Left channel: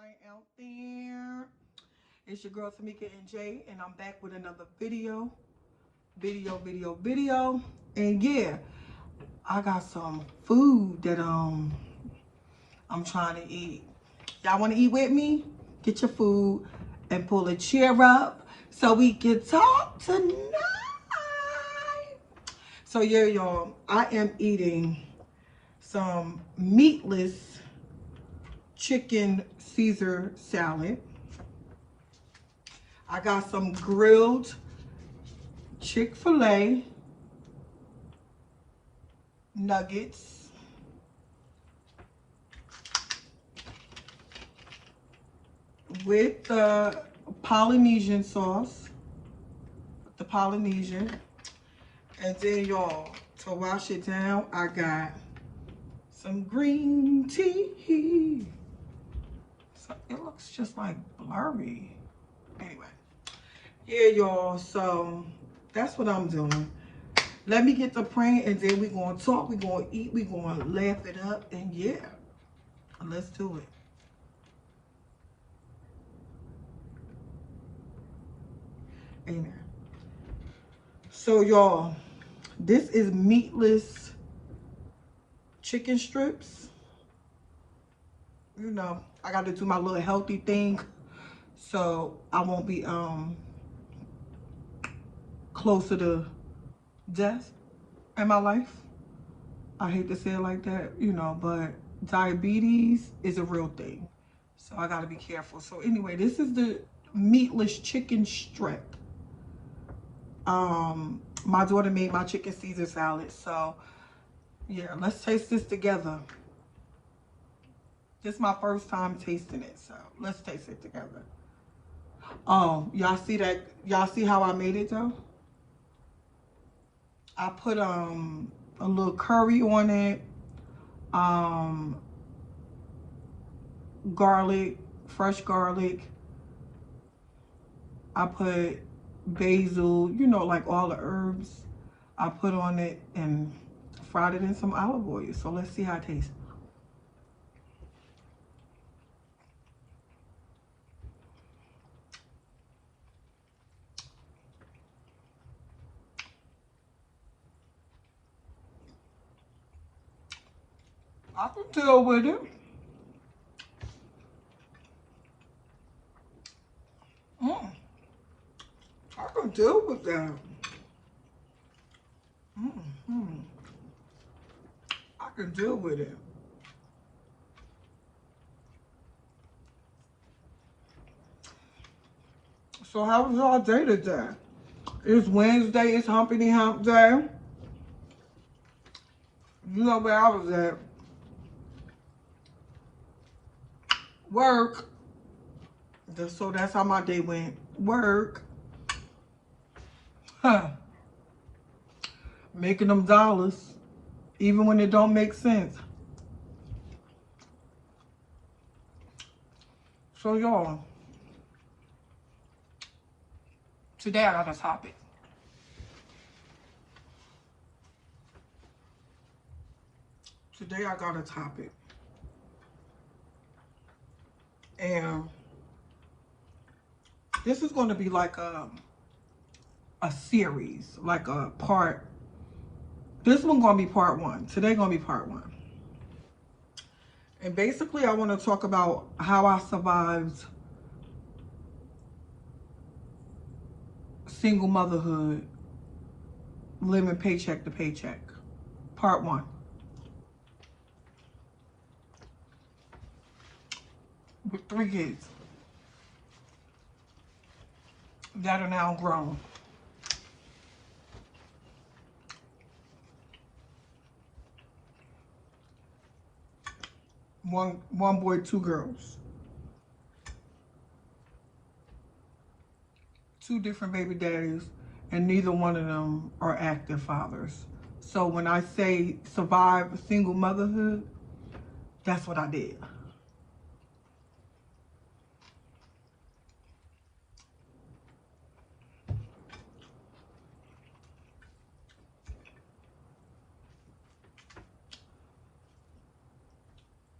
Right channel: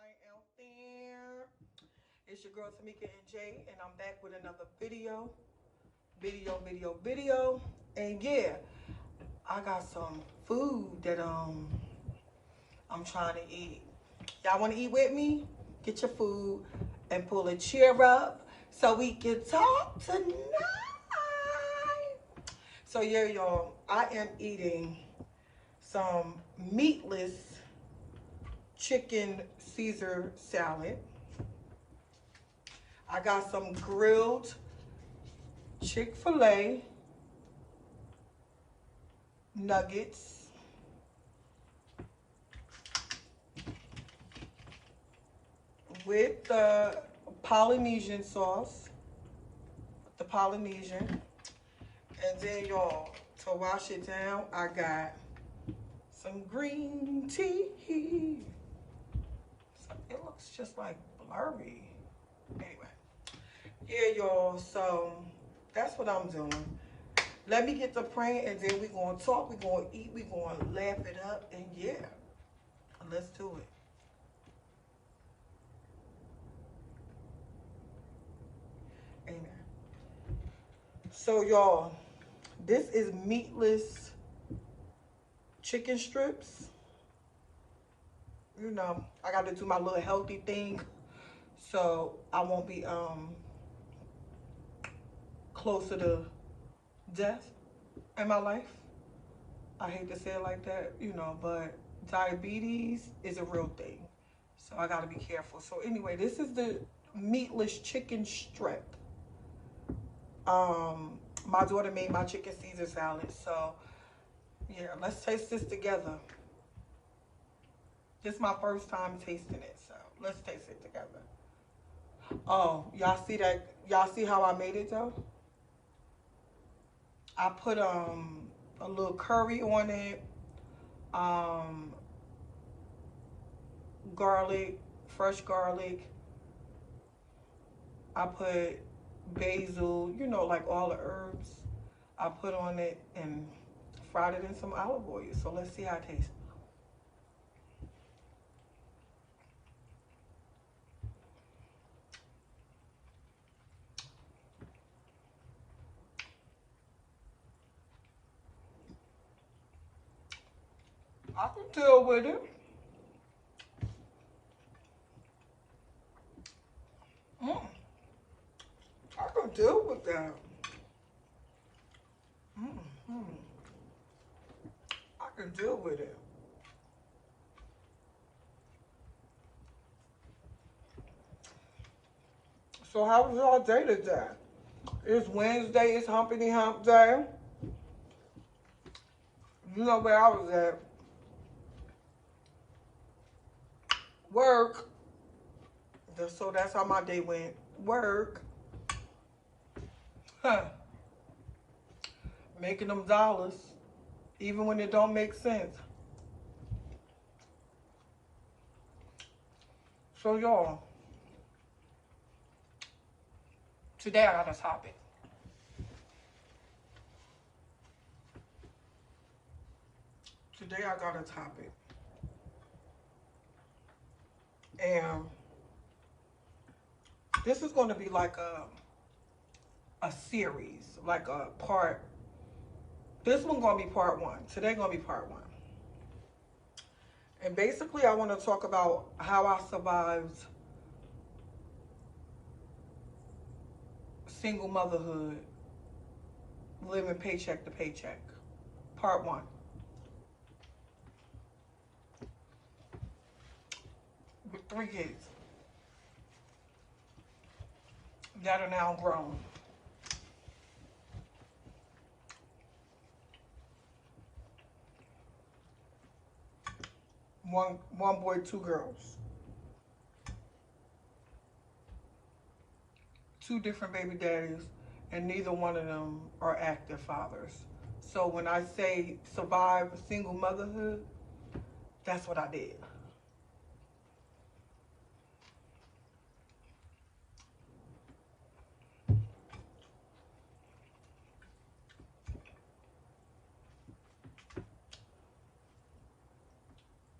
night out there. It's your girl Tamika and Jay, and I'm back with another video. And yeah, I got some food that I'm trying to eat. Y'all want to eat with me? Get your food and pull a chair up so we can talk tonight. So yeah, y'all, I am eating some meatless chicken Caesar salad. I got some grilled Chick-fil-A nuggets. With the Polynesian sauce, the Polynesian. And then y'all, to wash it down, I got some green tea. So it looks just like blurry. Anyway, yeah, y'all, so that's what I'm doing. Let me get to praying, and then we're going to talk, we're going to eat, we're going to laugh it up, and yeah, let's do it. Amen. So, y'all, this is meatless chicken strips. You know, I got to do my little healthy thing, so I won't be closer to death in my life. I hate to say it like that, you know, but diabetes is a real thing. So I got to be careful. So anyway, this is the meatless chicken strip. My daughter made my chicken Caesar salad. So yeah, let's taste this together. This is my first time tasting it. So let's taste it together. Y'all see that? Y'all see how I made it though? I put a little curry on it. Garlic, fresh garlic. I put basil, you know, like all the herbs. I put on it and fried it in some olive oil. So let's see how it tastes. I can deal with it. I can deal with that. I can deal with it. So how was y'all day today? It's Wednesday, it's Humpity Hump Day. You know where I was at. Work. So that's how my day went. Work. Huh. Making them dollars. Even when it don't make sense. So y'all, today I got a topic. Today I got a topic. And this is going to be like a series, like a part. This one going to be part one. Today going to be part one. And basically I want to talk about how I survived single motherhood, living paycheck to paycheck. Part one. With 3 kids that are now grown. One boy, 2 girls. 2 different baby daddies, and neither one of them are active fathers. So when I say survive single motherhood, that's what I did.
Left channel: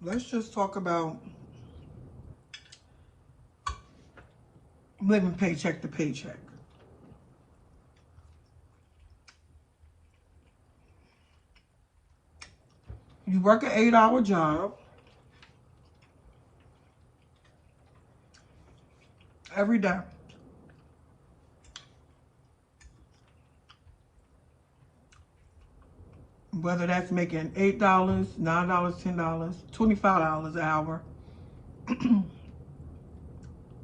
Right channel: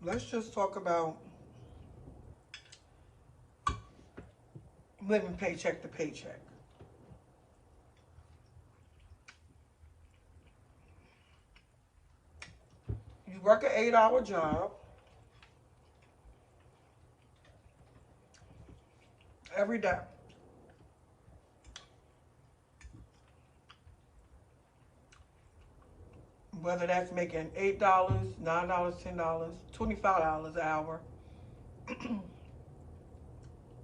Let's just talk about living paycheck to paycheck. You work an 8-hour job every day. Whether that's making $8, $9, $10, $25 an hour.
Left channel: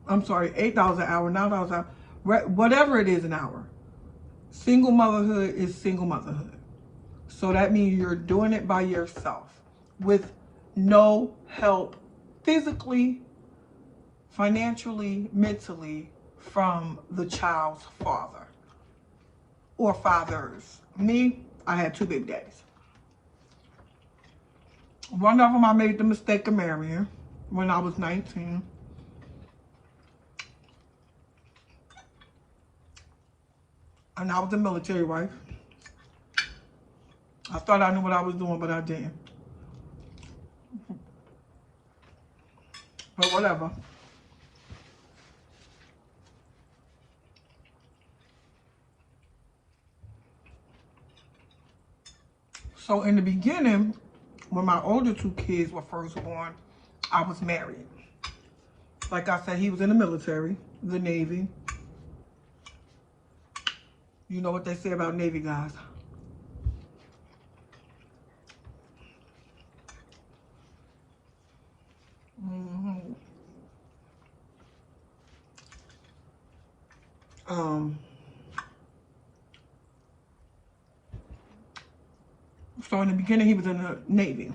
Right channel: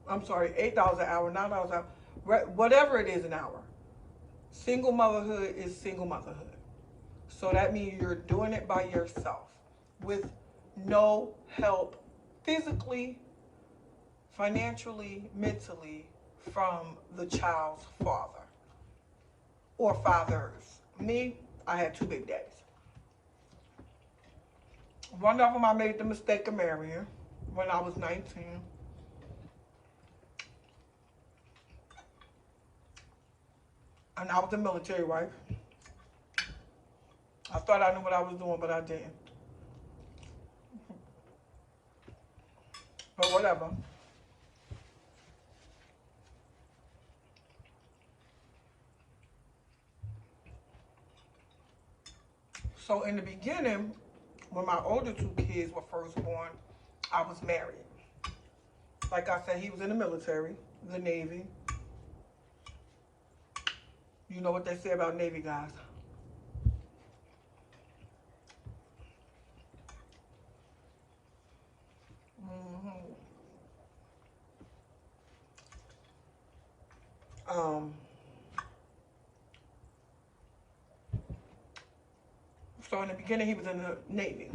I'm sorry, $8 an hour, $9 an hour, whatever it is an hour. Single motherhood is single motherhood. So that means you're doing it by yourself with no help physically, financially, mentally from the child's father or fathers. Me, I had 2 big daddies. One of them I made the mistake of marrying when I was 19. And I was a military wife. I thought I knew what I was doing, but I didn't. But whatever. So in the beginning, when my older 2 kids were first born, I was married. Like I said, he was in the military, the Navy. You know what they say about Navy guys. Um, so in the beginning, he was in the Navy.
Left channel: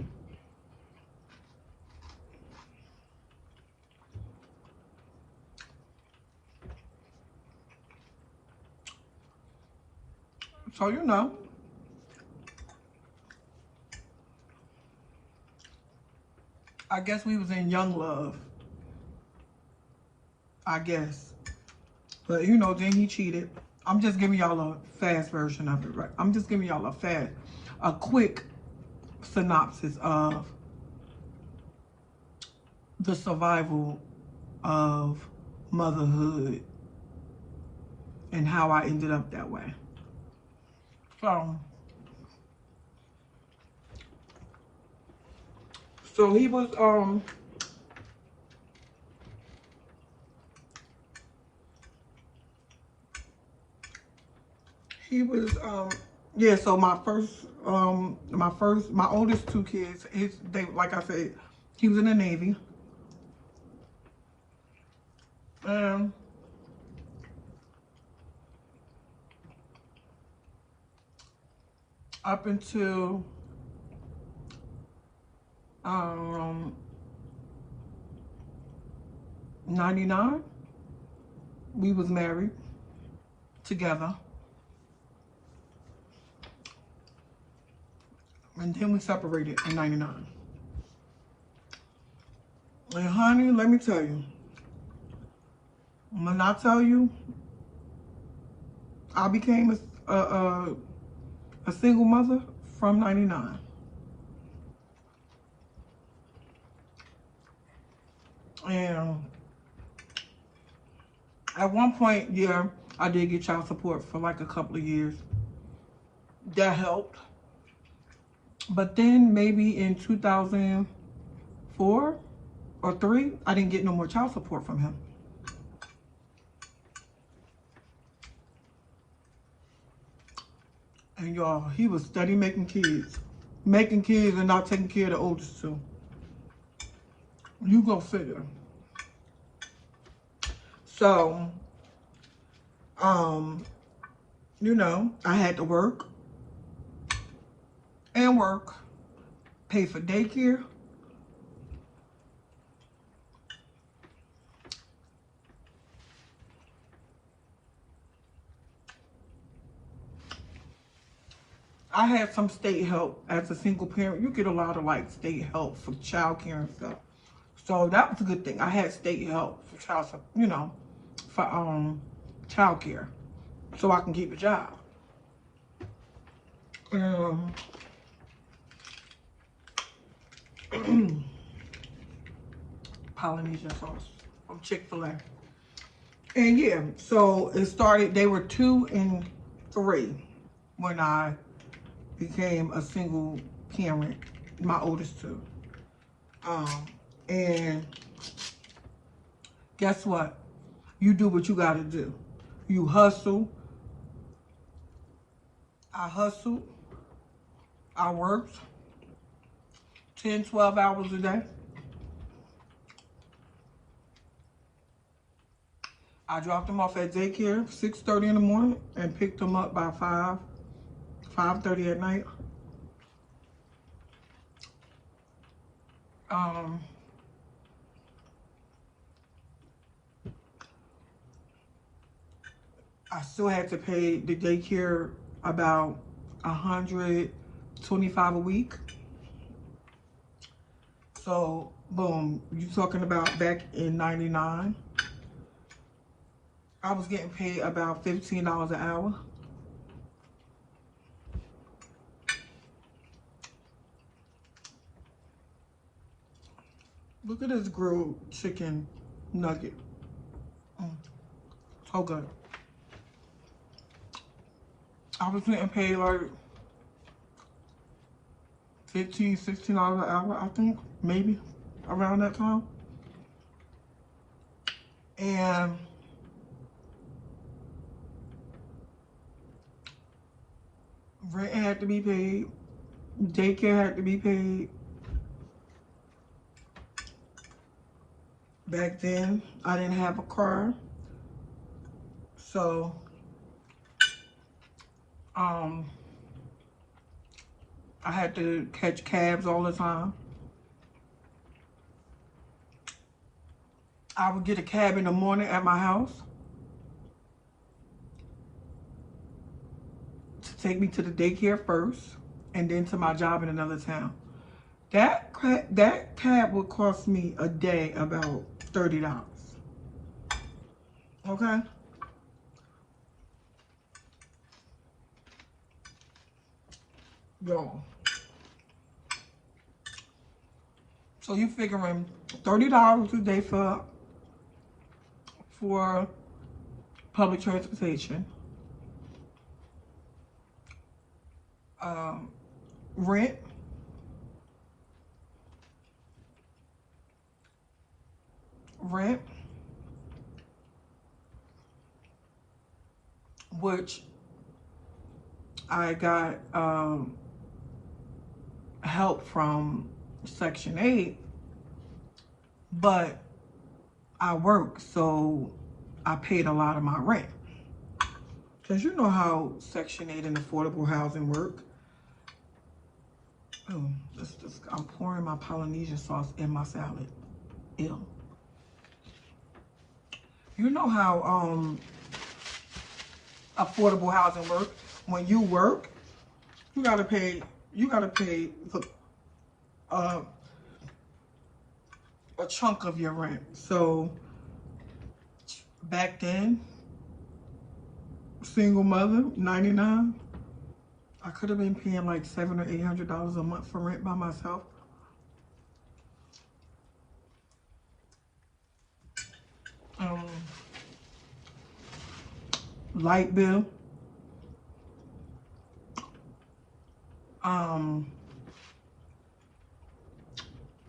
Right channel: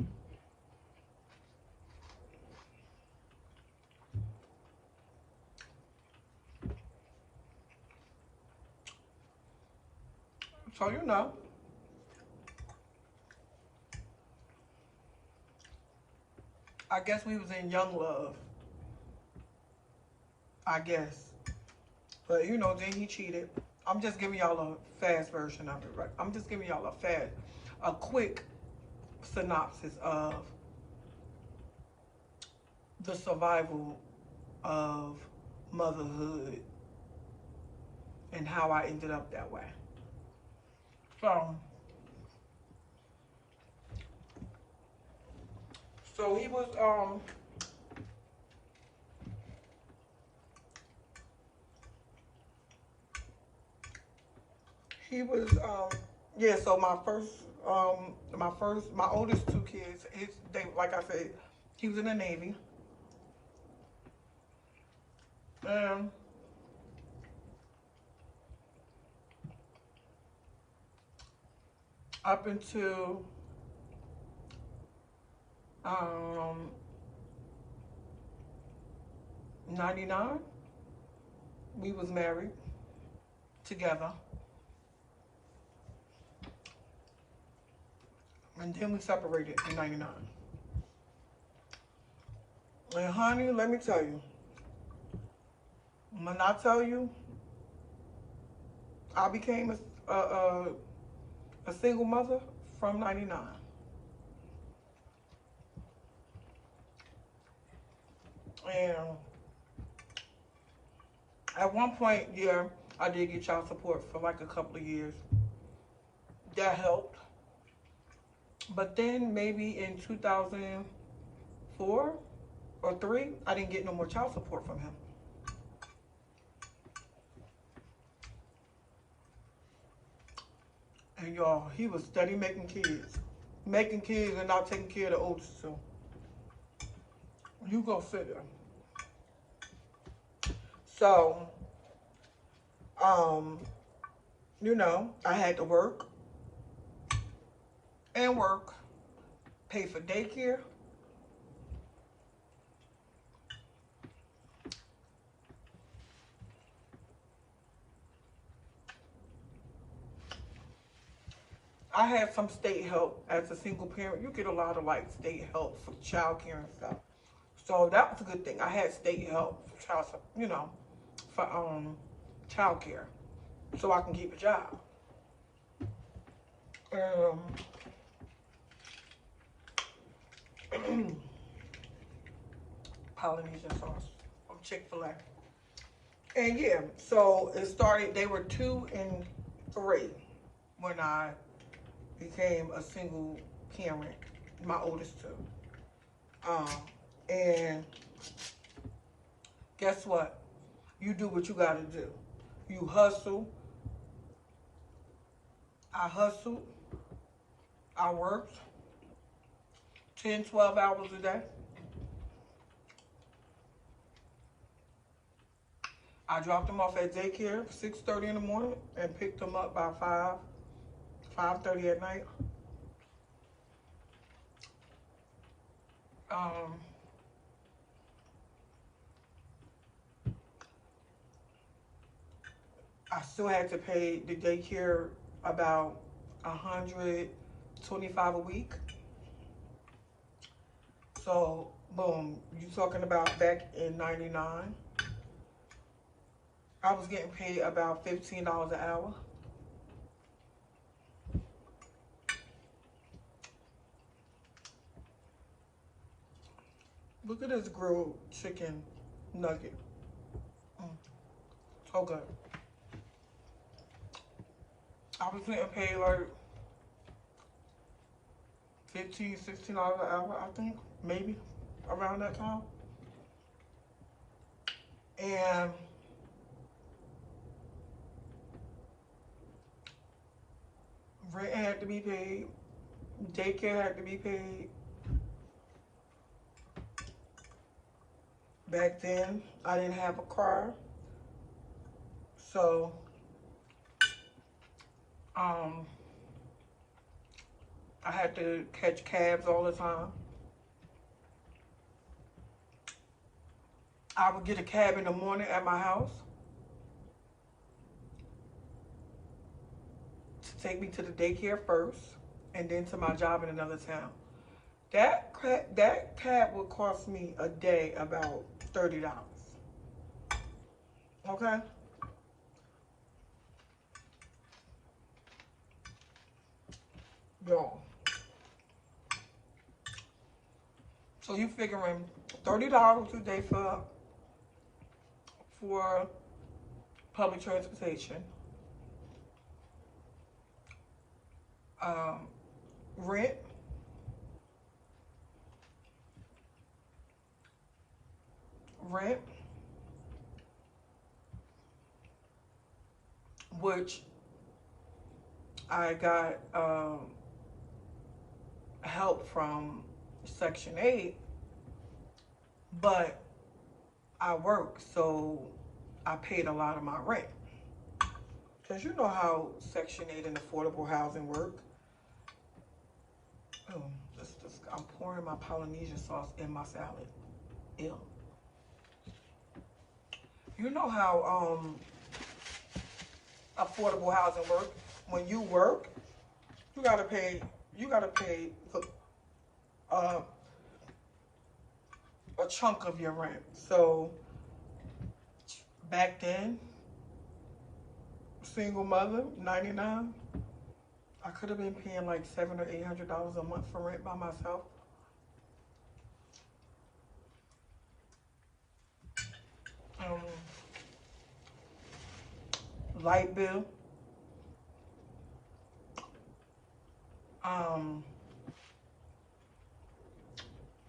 So, you know, I guess we was in young love. I guess. But, you know, then he cheated. I'm just giving y'all a fast version of it, right? I'm just giving y'all a quick synopsis of the survival of motherhood and how I ended up that way. So he was yeah, so my oldest 2 kids, they, like I said, he was in the Navy. And up until 99, we was married together. And then we separated in 99. And honey, let me tell you, when I tell you I became a single mother from 99. And at one point, yeah, I did get child support for like a couple of years. That helped. But then maybe in 2004 or 3, I didn't get no more child support from him. And y'all, he was steady making kids. Making kids and not taking care of the oldest 2. You go figure. So, you know, I had to work, pay for daycare. I had some state help as a single parent. You get a lot of like state help for child care and stuff. So that was a good thing. I had state help for child care, so I can keep a job. Polynesian sauce from Chick-fil-A. And yeah, so it started, they were 2 and 3 when I became a single parent, my oldest two. And guess what? You do what you gotta do. You hustle. I hustled. I worked 10, 12 hours a day. I dropped them off at daycare 6:30 in the morning and picked them up by 5:30 at night. Um, I still had to pay the daycare about 125 a week. So, boom, you talking about back in 99, I was getting paid about $15 an hour. Look at this grilled chicken nugget. So good. I was getting paid like $15, $16 an hour, I think, maybe around that time. And rent had to be paid, daycare had to be paid. Back then, I didn't have a car, so I had to catch cabs all the time. I would get a cab in the morning at my house to take me to the daycare first, and then to my job in another town. That cab would cost me a day about $30. Okay? Yo. So you figuring $30 a day for public transportation, rent, rent, which I got help from Section 8, but I work, so I paid a lot of my rent. Because you know how Section 8 and affordable housing work. Oh, I'm pouring my Polynesian sauce in my salad. Ew. You know how affordable housing work. When you work, you gotta pay uh, a chunk of your rent. So back then, single mother, 99, I could have been paying like $700 or $800 a month for rent by myself. Light bill,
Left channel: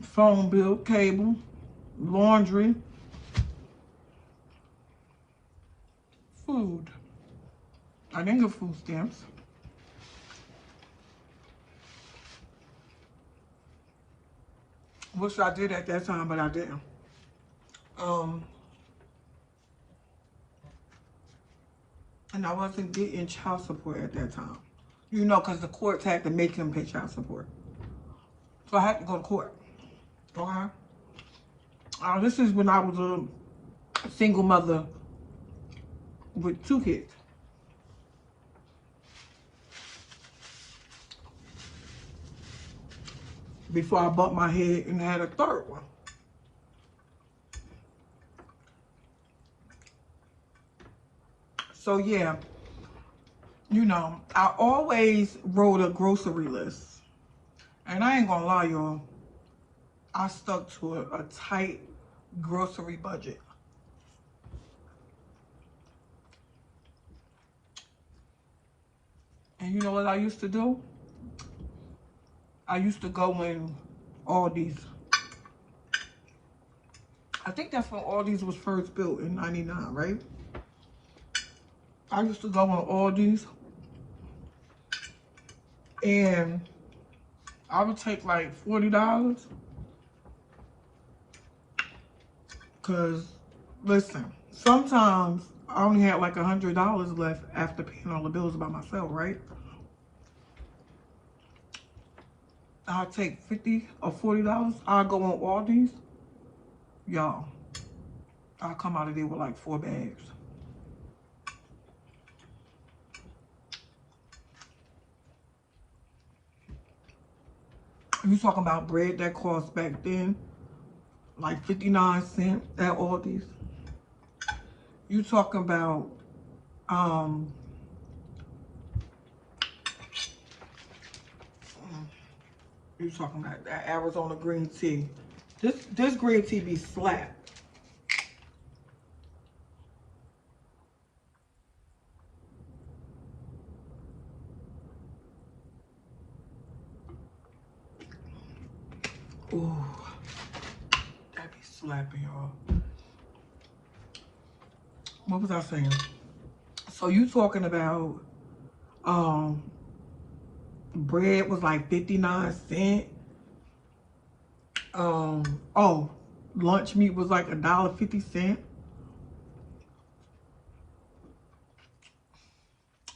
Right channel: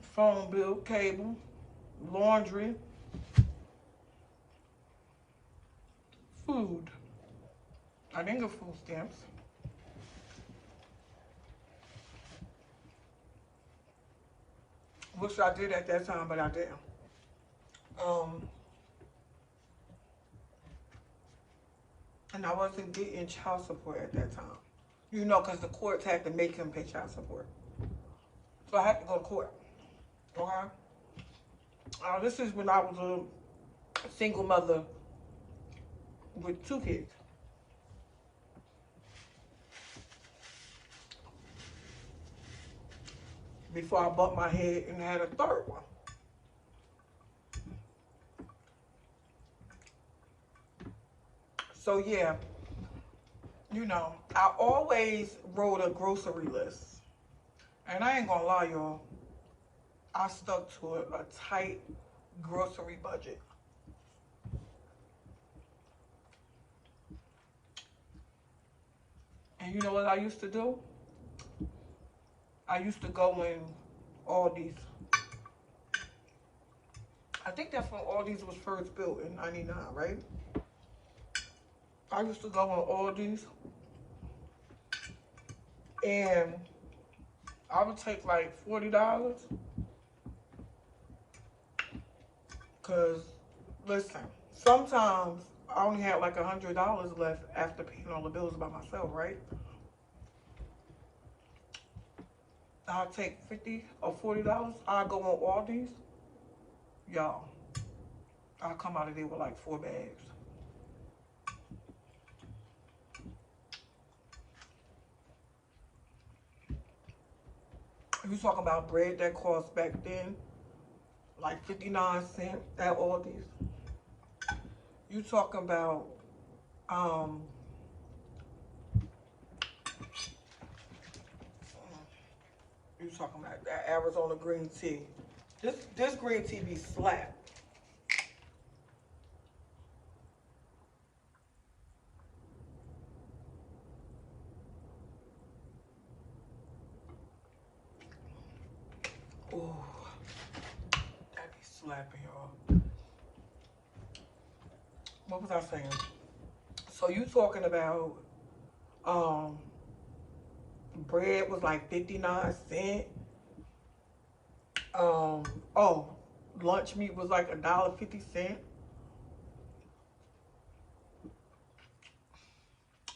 phone bill, cable, laundry, food. I didn't get food stamps. Which I did at that time, but I didn't. And I wasn't getting child support at that time. You know, because the courts had to make him pay child support. So I had to go to court. Okay? This is when I was a single mother with 2 kids. Before I bumped my head and had a 3rd one. So yeah, you know, I always wrote a grocery list. And I ain't gonna lie, y'all. I stuck to a tight grocery budget. And you know what I used to do? I used to go in Aldi's. I think that's when Aldi's was first built in 99, right? I used to go in Aldi's and I would take like $40. Cause listen, sometimes I only had like $100 left after paying all the bills by myself, right? I'll take 50 or $40. I'll go on Aldi's. Y'all, I'll come out of there with like 4 bags. You talking about bread that cost back then like 59 cents at Aldi's. You talking about you talking about that Arizona green tea. This green tea be slap. Ooh, that be slapping, y'all. What was I saying? So you talking about bread was like 59 cents. Oh, lunch meat was like $1.50.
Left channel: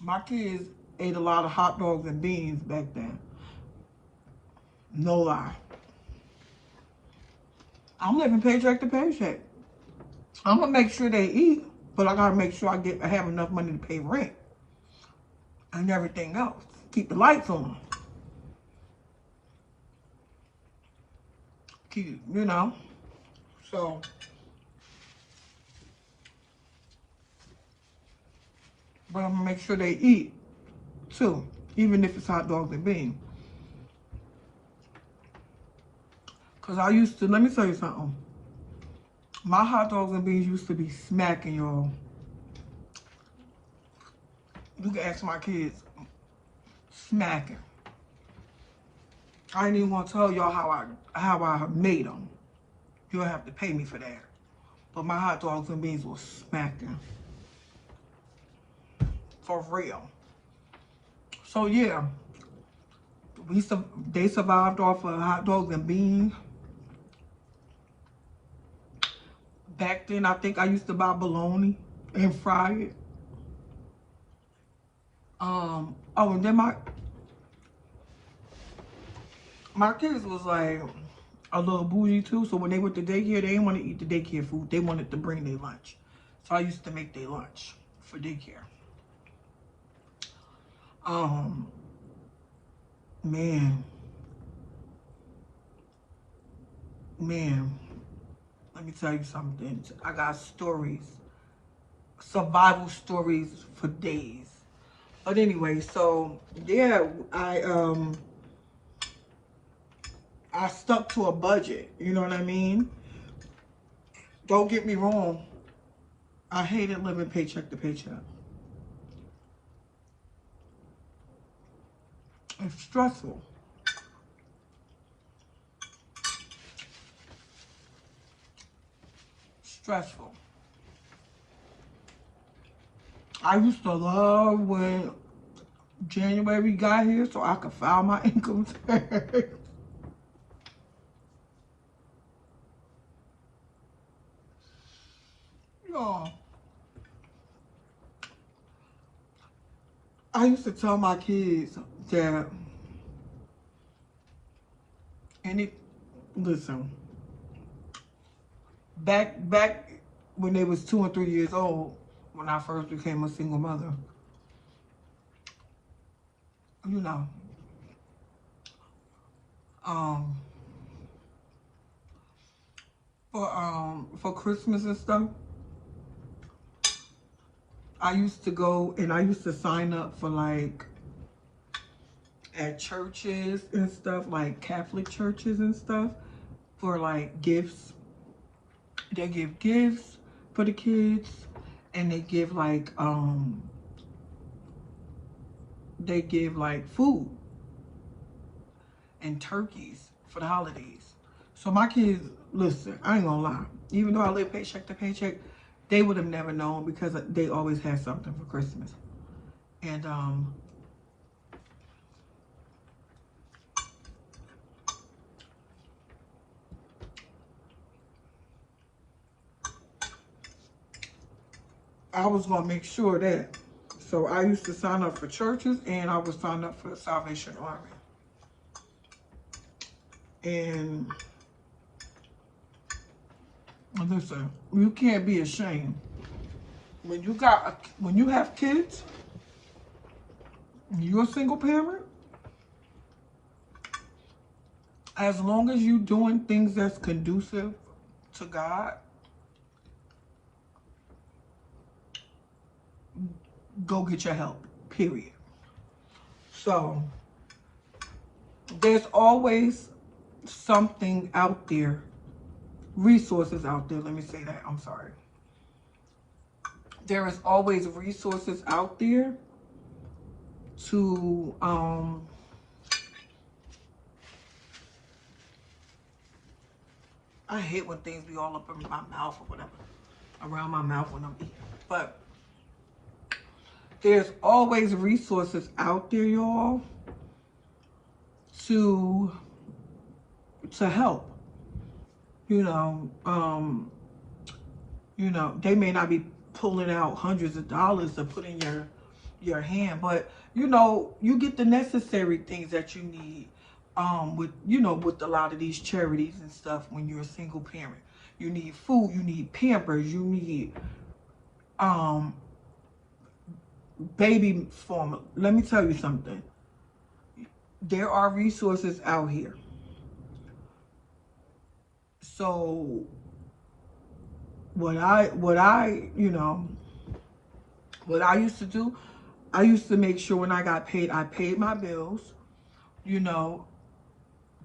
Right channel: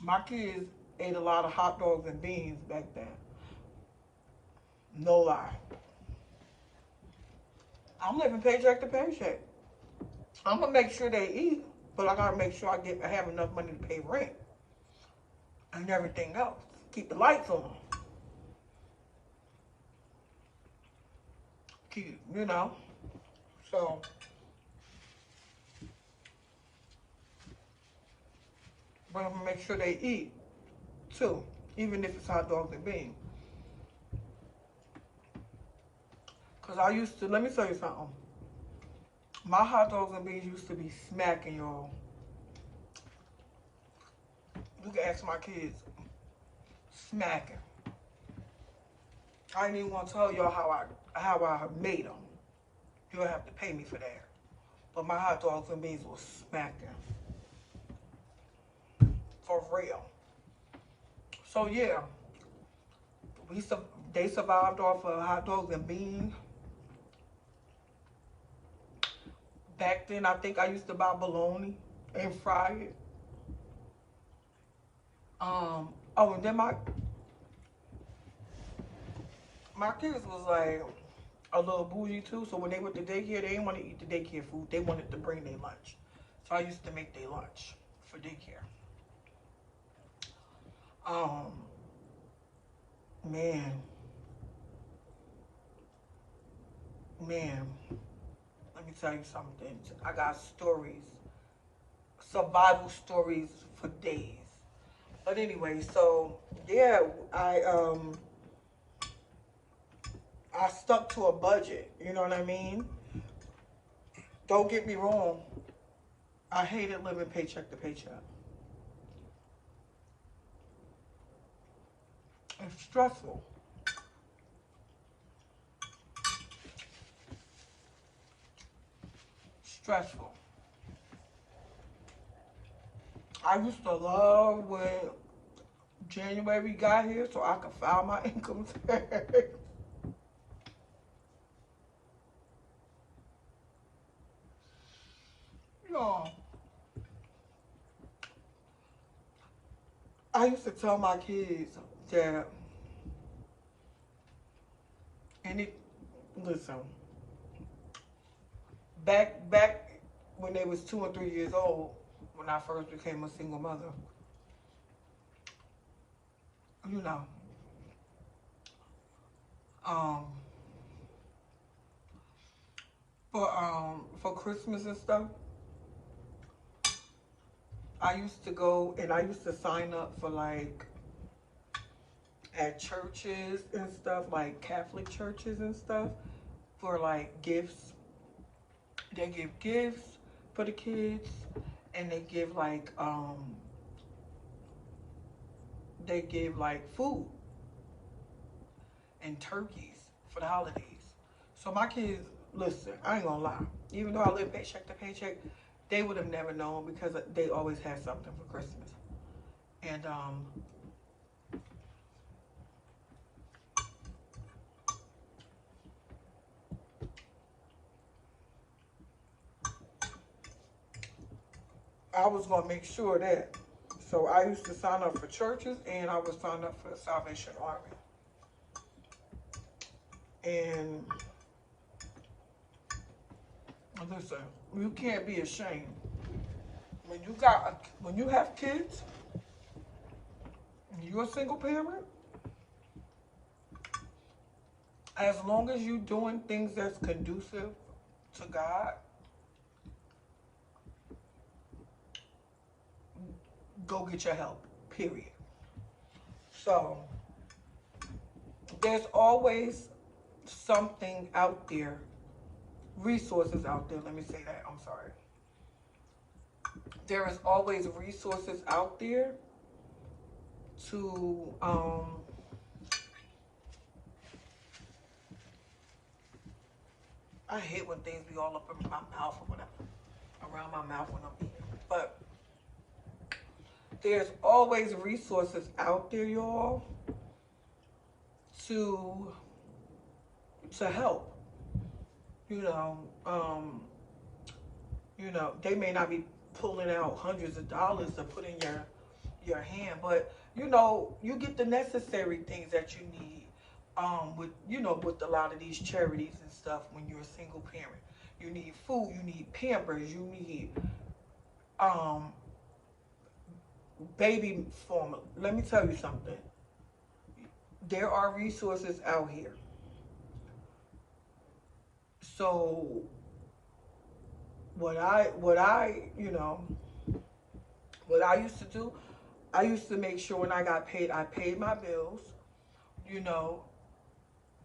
My kids ate a lot of hot dogs and beans back then. No lie. I'm living paycheck to paycheck. I'm gonna make sure they eat, but I gotta make sure I have enough money to pay rent and everything else. Keep the lights on. Keep, you know. So, but I'm gonna make sure they eat too, even if it's hot dogs and beans. Cause I used to, let me tell you something. My hot dogs and beans used to be smacking, y'all. You can ask my kids. Smacking. I ain't even want to tell y'all how I made them. You'll have to pay me for that. But my hot dogs and beans was smacking. For real. So yeah, they survived off of hot dogs and beans. Back then, I think I used to buy bologna and fry it. Oh, and then my kids was like a little bougie too. So when they went to daycare, they didn't want to eat the daycare food. They wanted to bring their lunch. So I used to make their lunch for daycare. Man, man, let me tell you something. I got stories, survival stories for days. But anyway, so yeah, I stuck to a budget. You know what I mean? Don't get me wrong. I hated living paycheck to paycheck. It's stressful. Stressful. I used to love when January got here so I could file my income tax. Y'all, I used to tell my kids that any listen, back when they was 2 and 3 years old, when I first became a single mother, you know, um, for Christmas and stuff, I used to go and I used to sign up for like at churches and stuff, like Catholic churches and stuff, for like gifts. They give gifts for the kids and they give like they give like food and turkeys for the holidays. So my kids, listen, I ain't gonna lie. Even though I live paycheck to paycheck, they would have never known because they always had something for Christmas. And I was gonna make sure that. So I used to sign up for churches and I would sign up for the Salvation Army. And listen, you can't be ashamed. When you have kids, you're a single parent, as long as you're doing things that's conducive to God, go get your help, period. So there's always something out there, resources out there. Let me say that. I'm sorry. There is always resources out there to I hate when things be all up in my mouth or whatever, around my mouth when I'm eating. But there's always resources out there, y'all, to help. You know, they may not be pulling out hundreds of dollars to put in your hand, but you get the necessary things that you need with a lot of these charities and stuff when you're a single parent. You need food, you need Pampers, you need baby formula. Let me tell you something. There are resources out here. So what I used to do, I used to make sure when I got paid, I paid my bills. You know,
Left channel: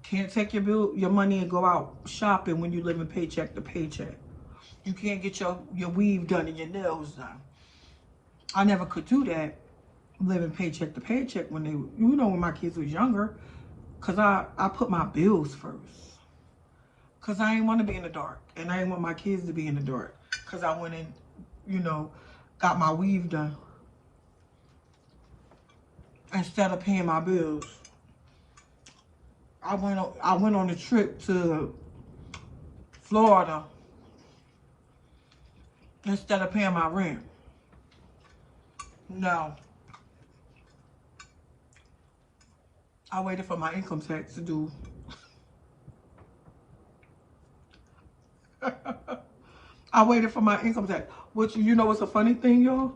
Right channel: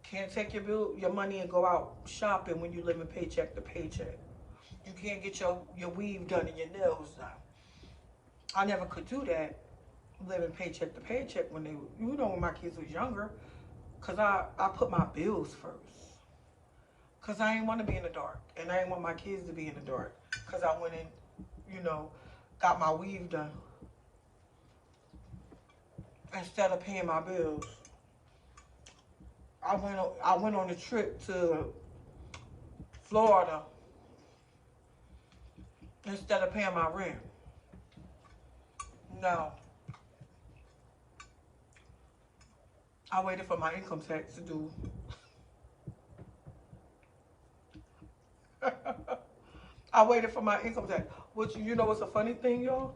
can't take your money and go out shopping when you live in paycheck to paycheck. You can't get your weave done and your nails done. I never could do that living paycheck to paycheck when my kids was younger, because I put my bills first. Because I didn't want to be in the dark. And I didn't want my kids to be in the dark. Because I went and, got my weave done instead of paying my bills. I went on a trip to Florida instead of paying my rent. No. I waited for my income tax to do. I waited for my income tax. Which, what's a funny thing, y'all?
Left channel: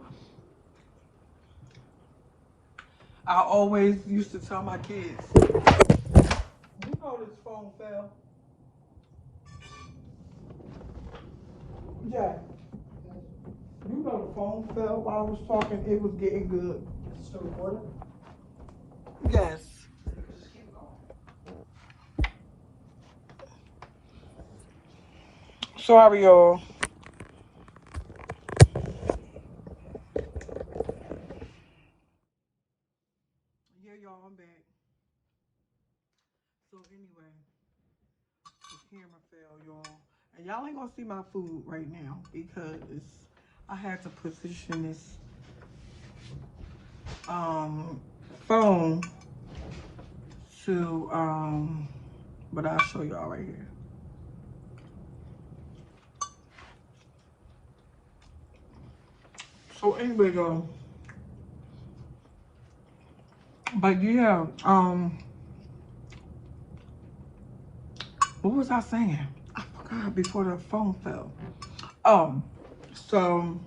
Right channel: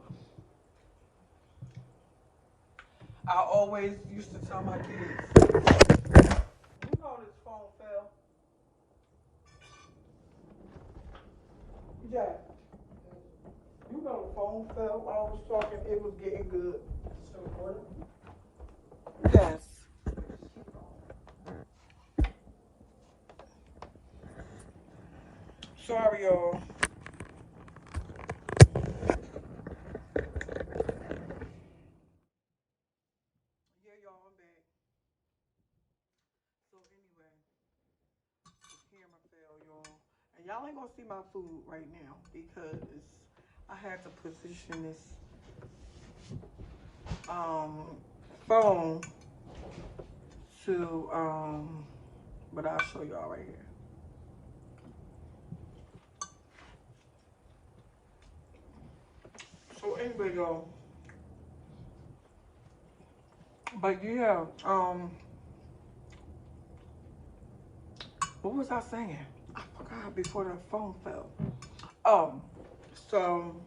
I always used to tell my kids, this phone fell. Yeah. The phone fell while I was talking. It was getting good. Still recording? Yes. Sorry, y'all. Yeah, y'all, I'm back. So anyway, the camera fell, y'all. And y'all ain't gonna see my food right now because I had to position this phone to but I'll show y'all right here. So anyway, y'all. But yeah, what was I saying? I forgot before the phone fell. So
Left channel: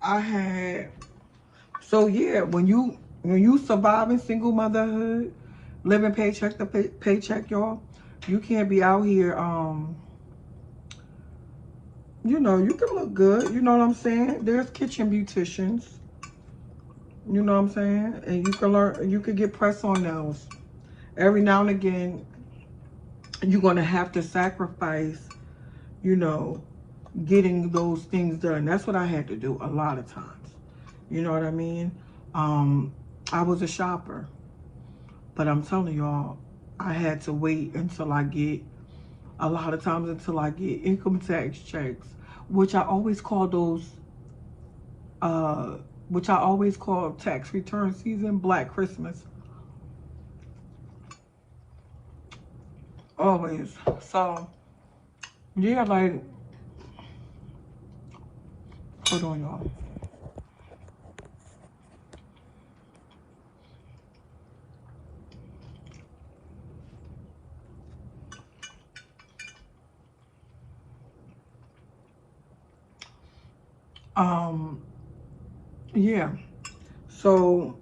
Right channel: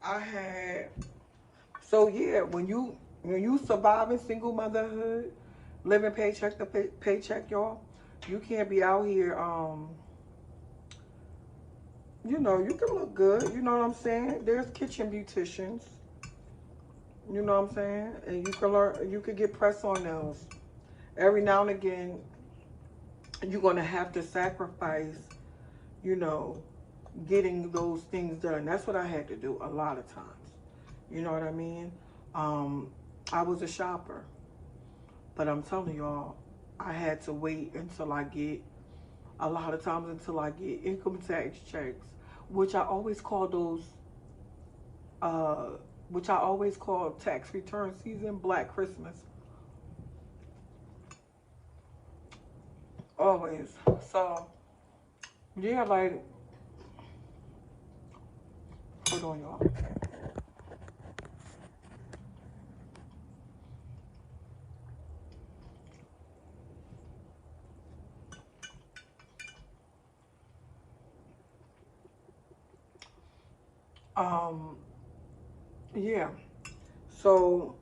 I had, so yeah, when you surviving single motherhood, living paycheck to paycheck, y'all, you can't be out here, you can look good, you know what I'm saying? There's kitchen beauticians, you know what I'm saying? And you can get press-on nails. Every now and again, you're gonna have to sacrifice, getting those things done. That's what I had to do a lot of times. You know what I mean? I was a shopper, but I'm telling y'all, I had to wait until I get, a lot of times until I get income tax checks, which I always call those, uh, which I always call tax return season, Black Christmas. Always. So, yeah, like, hold on, y'all. Um, yeah. So,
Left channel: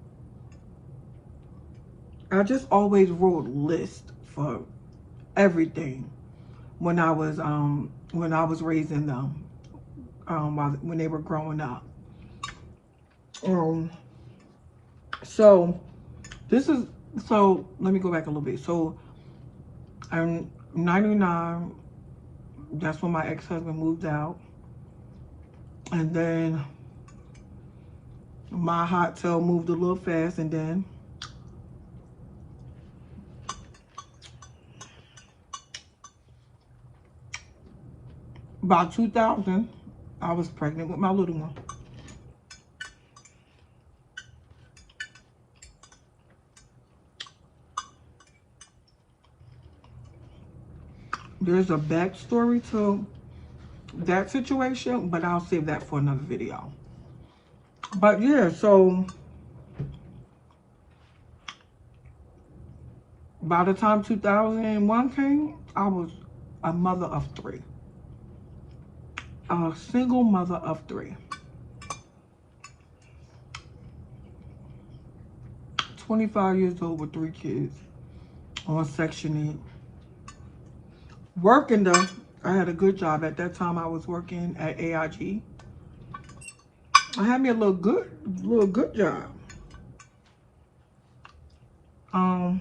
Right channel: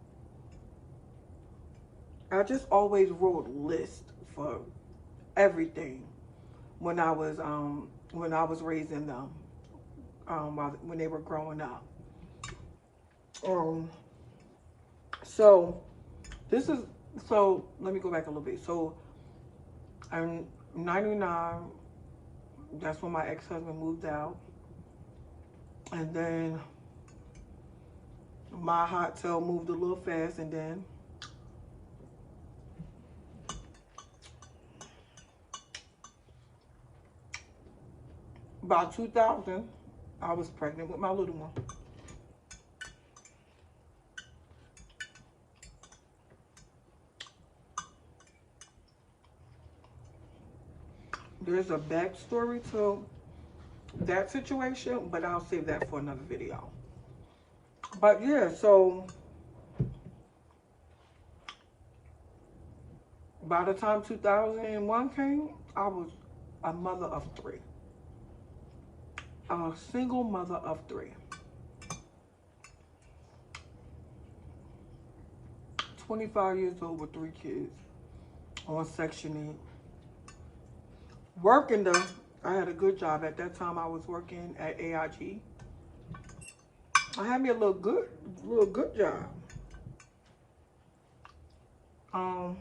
I just always wrote lists for everything when I was raising them, when they were growing up. Um, so this is so let me go back a little bit. So I'm 99. That's when my ex-husband moved out, and then my hot tail moved a little fast, and then about 2000, I was pregnant with my little one. There's a backstory to that situation, but I'll save that for another video. But yeah, so by the time 2001 came, I was a mother of three. A single mother of three. 25 years old with three kids on Section 8. Working though, I had a good job. At that time I was working at AIG. I had me a little good job. Um,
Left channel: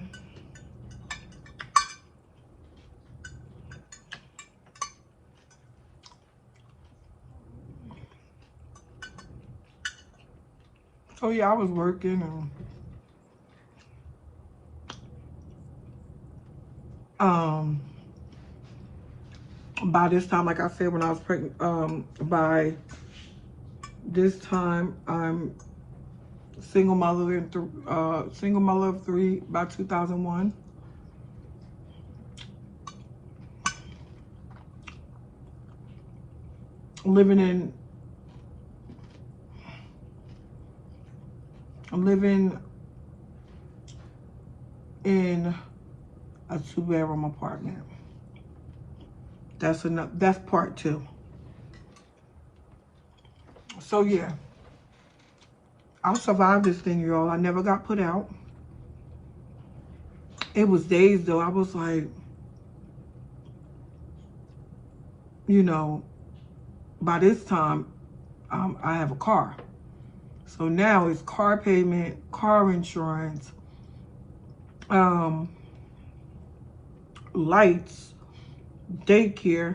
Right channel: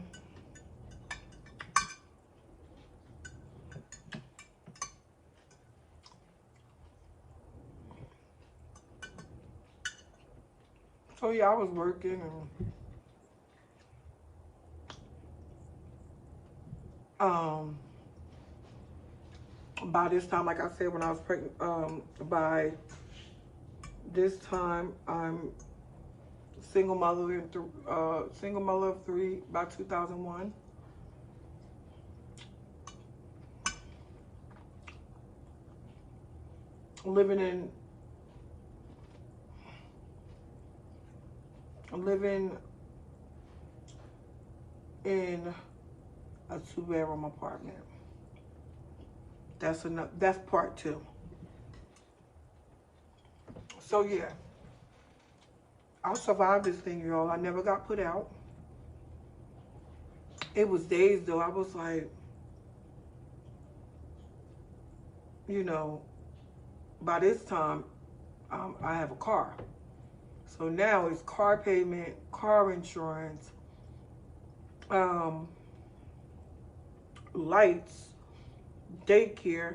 so yeah, I was working, and by this time, like I said, when I was pregnant, by this time I'm single mother of three by 2001. Living in living in a 2-bedroom apartment. That's enough. That's part two. So yeah, I survived this thing, y'all. I never got put out. It was days though. I was like, you know, by this time, I have a car. So now it's car payment, car insurance, um, lights, daycare,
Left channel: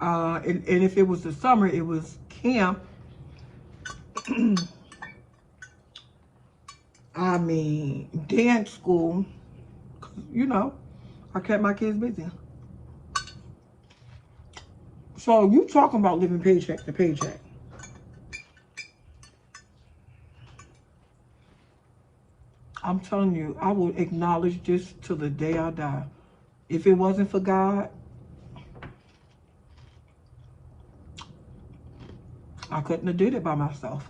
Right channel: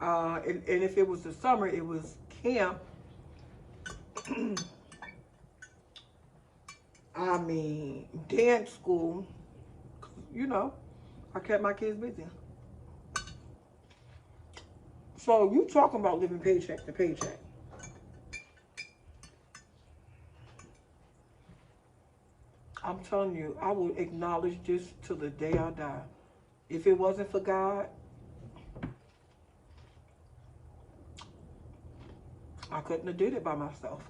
and if it was the summer, it was camp. I mean, dance school. You know, I kept my kids busy. So you talking about living paycheck to paycheck. I'm telling you, I will acknowledge this till the day I die. If it wasn't for God, I couldn't have did it by myself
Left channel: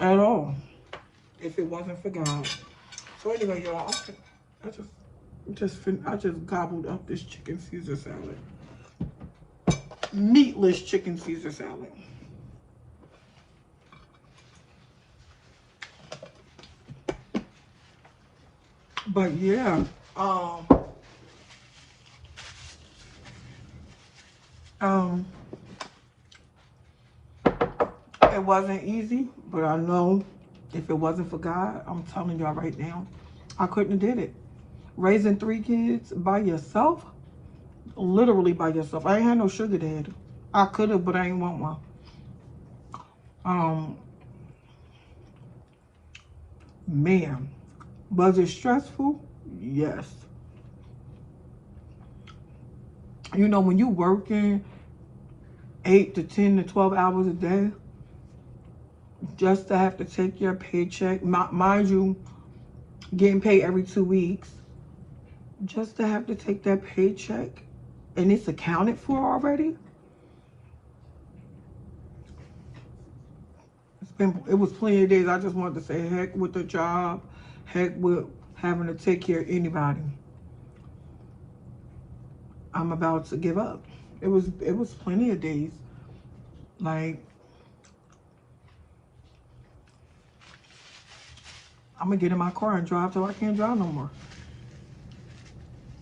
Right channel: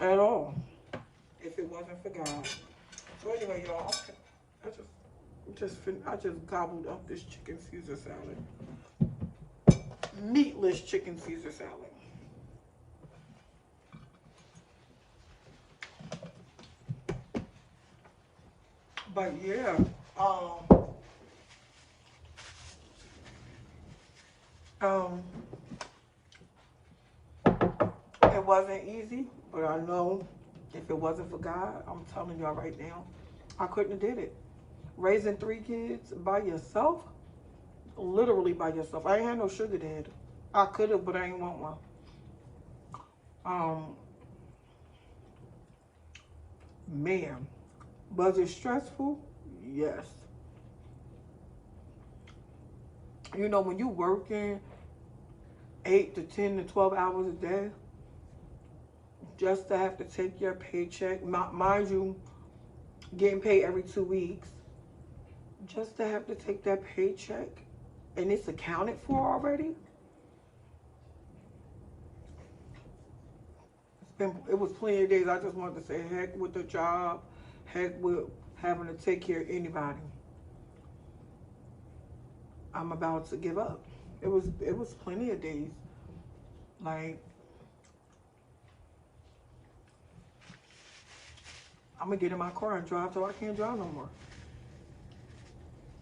at all. If it wasn't for God. So anyway, y'all, I just gobbled up this chicken Caesar salad, meatless chicken Caesar salad. But yeah, um, um, it wasn't easy, but I know if it wasn't for God, I'm telling y'all right now, I couldn't have did it. Raising three kids by yourself, literally by yourself. I ain't had no sugar dad. I could have, but I ain't want one. Um, Man, was it stressful? Yes. You know, when you working 8 to 10 to 12 hours a day, just to have to take your paycheck, mind you, getting paid every 2 weeks, just to have to take that paycheck and it's accounted for already. It was plenty of days I just wanted to say heck with the job, heck with having to take care of anybody. I'm about to give up. It was plenty of days. Like, I'm gonna get in my car and drive till I can't drive no more.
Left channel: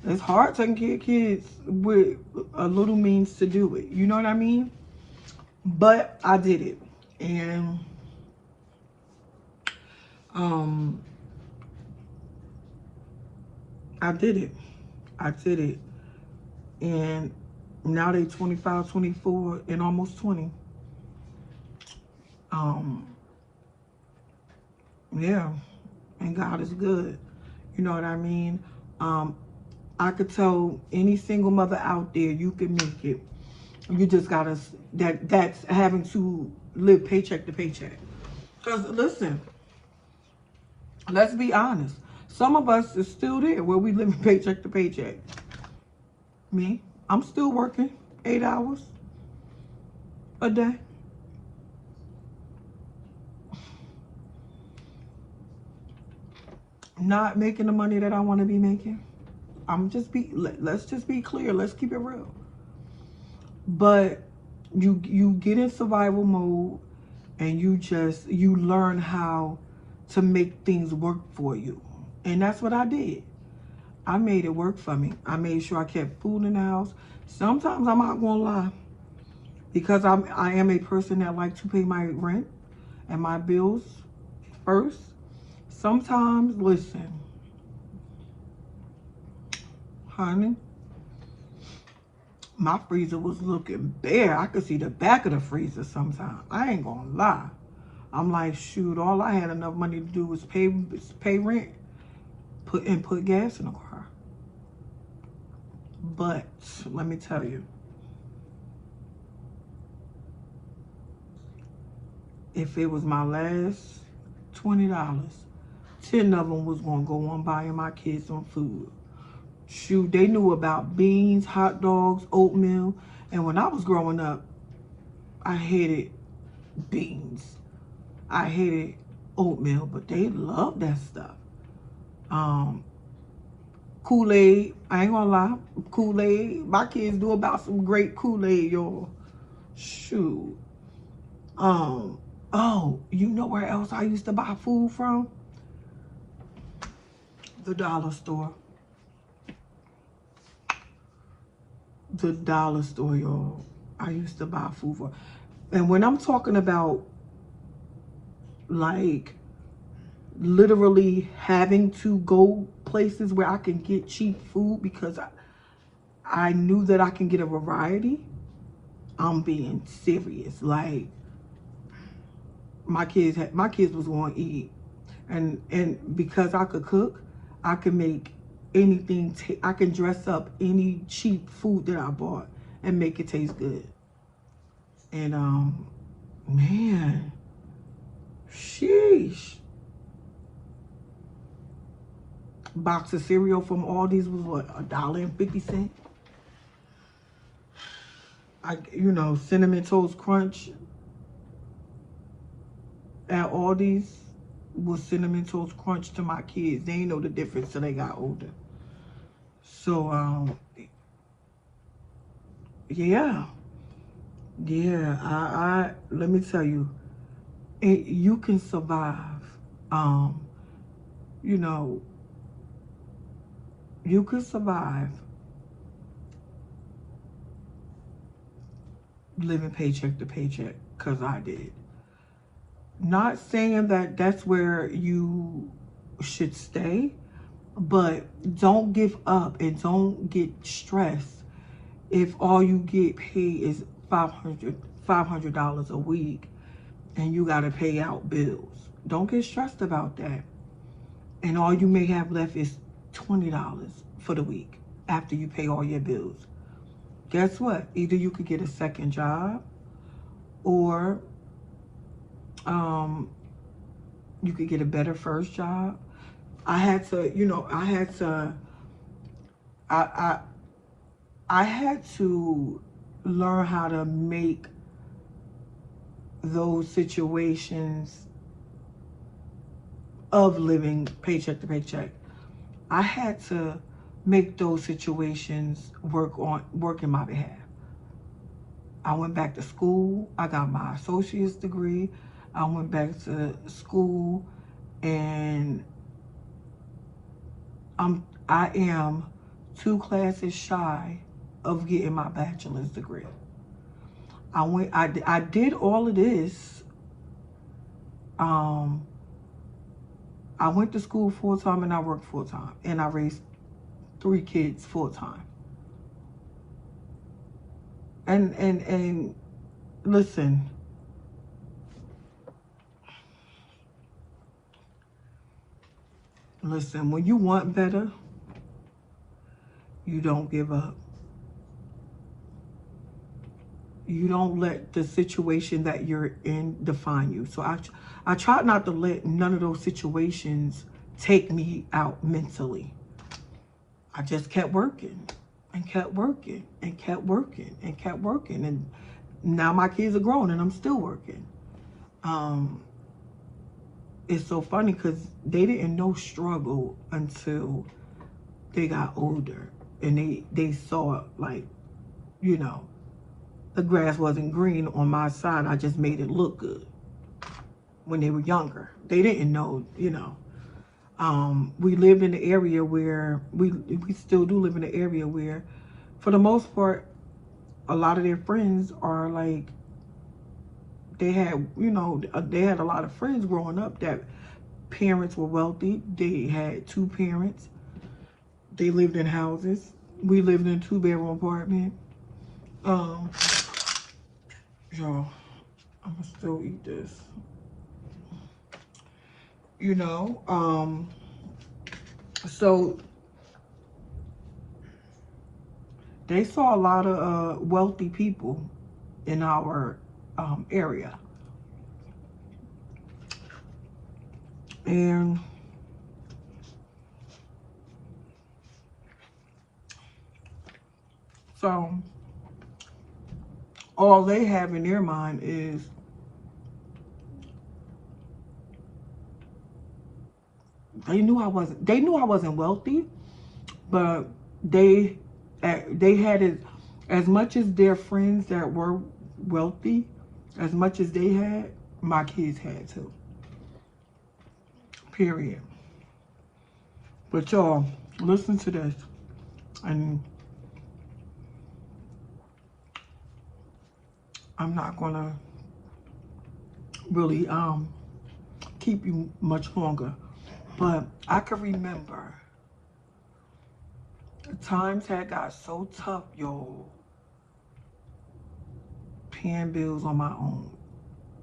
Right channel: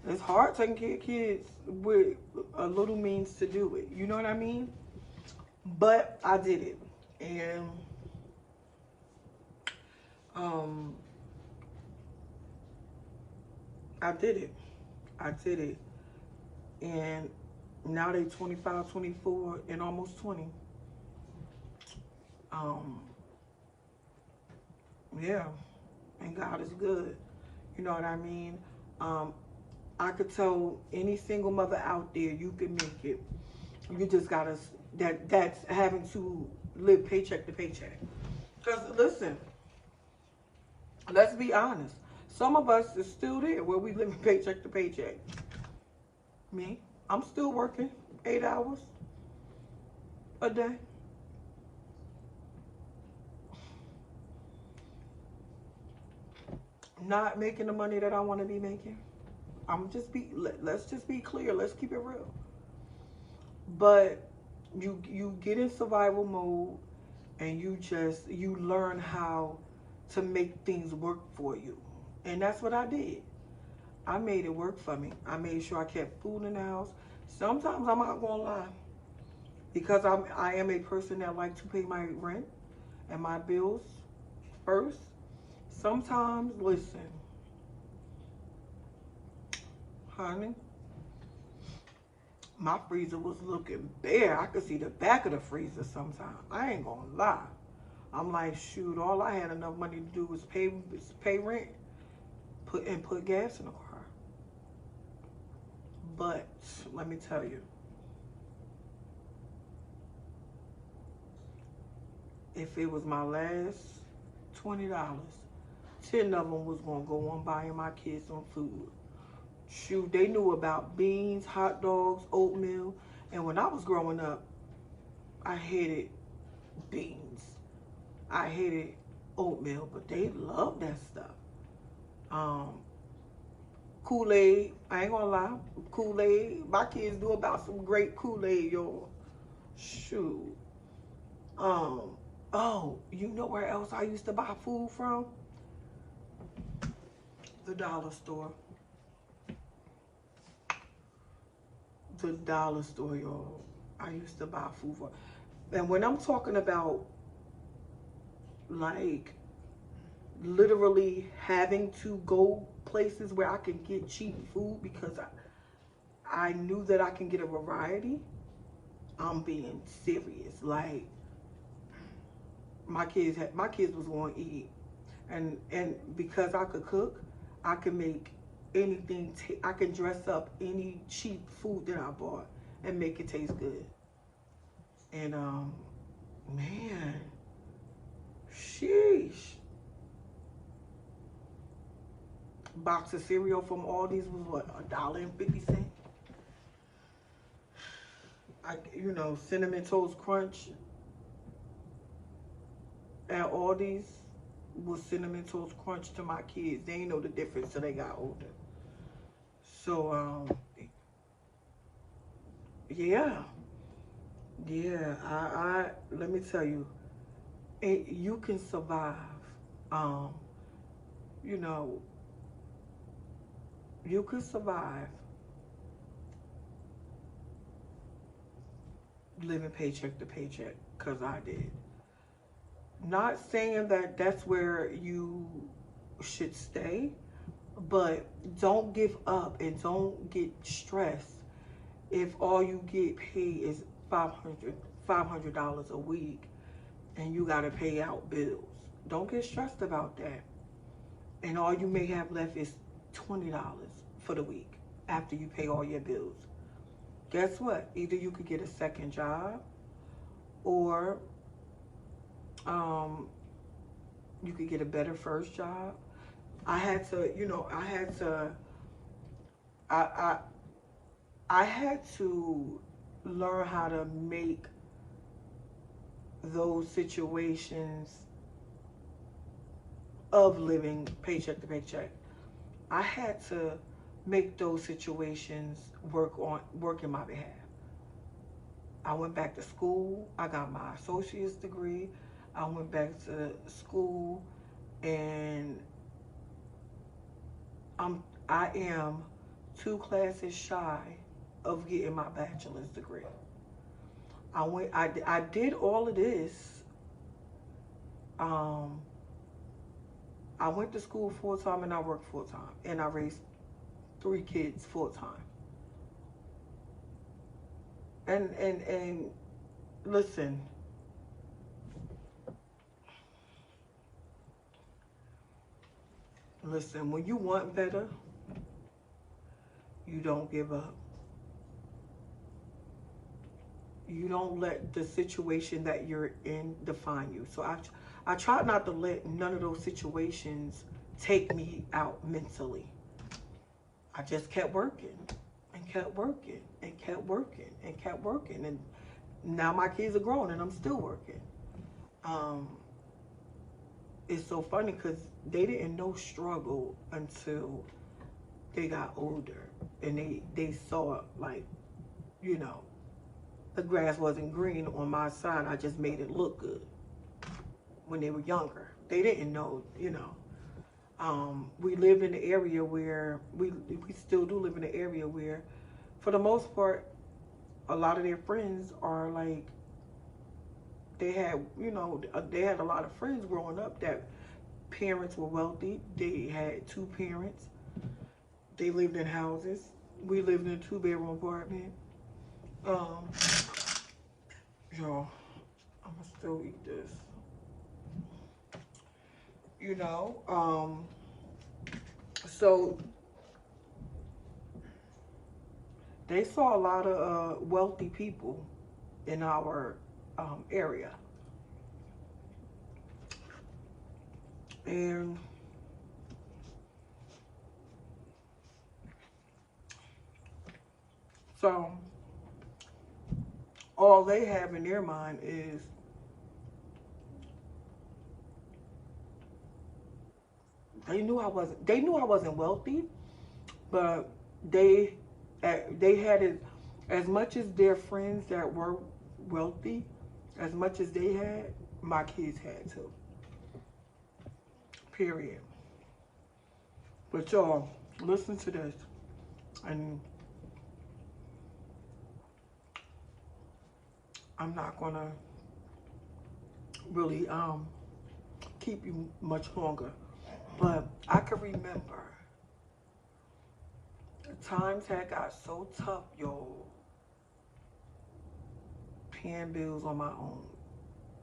It's hard taking care of kids with a little means to do it. You know what I mean? But I did it. And I did it. I did it. And now they 25, 24, and almost 20. Yeah. And God is good. You know what I mean? I could tell any single mother out there, you can make it. You just gotta, that's having to live paycheck to paycheck. Because listen, let's be honest. Some of us is still there where we live paycheck to paycheck. Me, I'm still working 8 hours a day. Not making the money that I want to be making. Let's just be clear. Let's keep it real. But you get in survival mode and you learn how to make things work for you. And that's what I did. I made it work for me. I made sure I kept food in the house. Sometimes I'm not gonna lie, because I am a person that like to pay my rent and my bills first. Sometimes, listen, honey, my freezer was looking bare. I could see the back of the freezer sometimes. I ain't gonna lie. I'm like, shoot, all I had enough money to do was pay rent, put gas in the car. But let me tell you, if it was my last $20, 10 of them was gonna go on buying my kids some food. Shoot, they knew about beans, hot dogs, oatmeal. And when I was growing up, I hated beans. I hated oatmeal, but they loved that stuff. Kool-Aid, I ain't gonna lie. Kool-Aid, my kids do about some great Kool-Aid, y'all. Shoot. Oh, you know where else I used to buy food from? The dollar store. The dollar store, y'all. I used to buy food for. And when I'm talking about, like, literally having to go places where I can get cheap food because I knew that I can get a variety, I'm being serious. Like, my kids was going to eat. And because I could cook, I could make anything. I can dress up any cheap food that I bought and make it taste good. And man, sheesh. Box of cereal from Aldi's was what, $1.50. Cinnamon Toast Crunch at Aldi's was Cinnamon Toast Crunch to my kids. They ain't know the difference till they got older. So yeah, I let me tell you, you can survive. You can survive living paycheck to paycheck, because I did. Not saying that that's where you should stay, but don't give up and don't get stressed if all you get paid is $500 a week and you got to pay out bills. Don't get stressed about that. and all you may have left is $20 for the week after you pay all your bills. Guess what? Either you could get a second job, or you could get a better first job. I had to, I had to learn how to make those situations of living paycheck to paycheck. I had to make those situations work in my behalf. I went back to school. I got my associate's degree. I went back to school, and I am 2 classes shy of getting my bachelor's degree. I did all of this. I went to school full time and I worked full time, and I raised 3 kids full time. And listen, when you want better, you don't give up. You don't let the situation that you're in define you. So I try not to let none of those situations take me out mentally. I just kept working and kept working and kept working and kept working. And now my kids are grown and I'm still working. It's so funny because they didn't know struggle until they got older. And they saw, like, the grass wasn't green on my side. I just made it look good when they were younger. They didn't know, we lived in the area where, we still do live in the area where, for the most part, a lot of their friends are like, they had a lot of friends growing up that parents were wealthy. They had 2 parents. They lived in houses. We lived in a 2-bedroom apartment. Y'all, I'm gonna still eat this. So they saw a lot of wealthy people in our area. And so all they have in their mind is, they knew I wasn't wealthy, but they had it, as much as their friends that were wealthy, as much as they had, my kids had too. Period. But y'all, listen to this. And I'm not gonna really keep you much longer. But I can remember times had got so tough, y'all, paying bills on my own.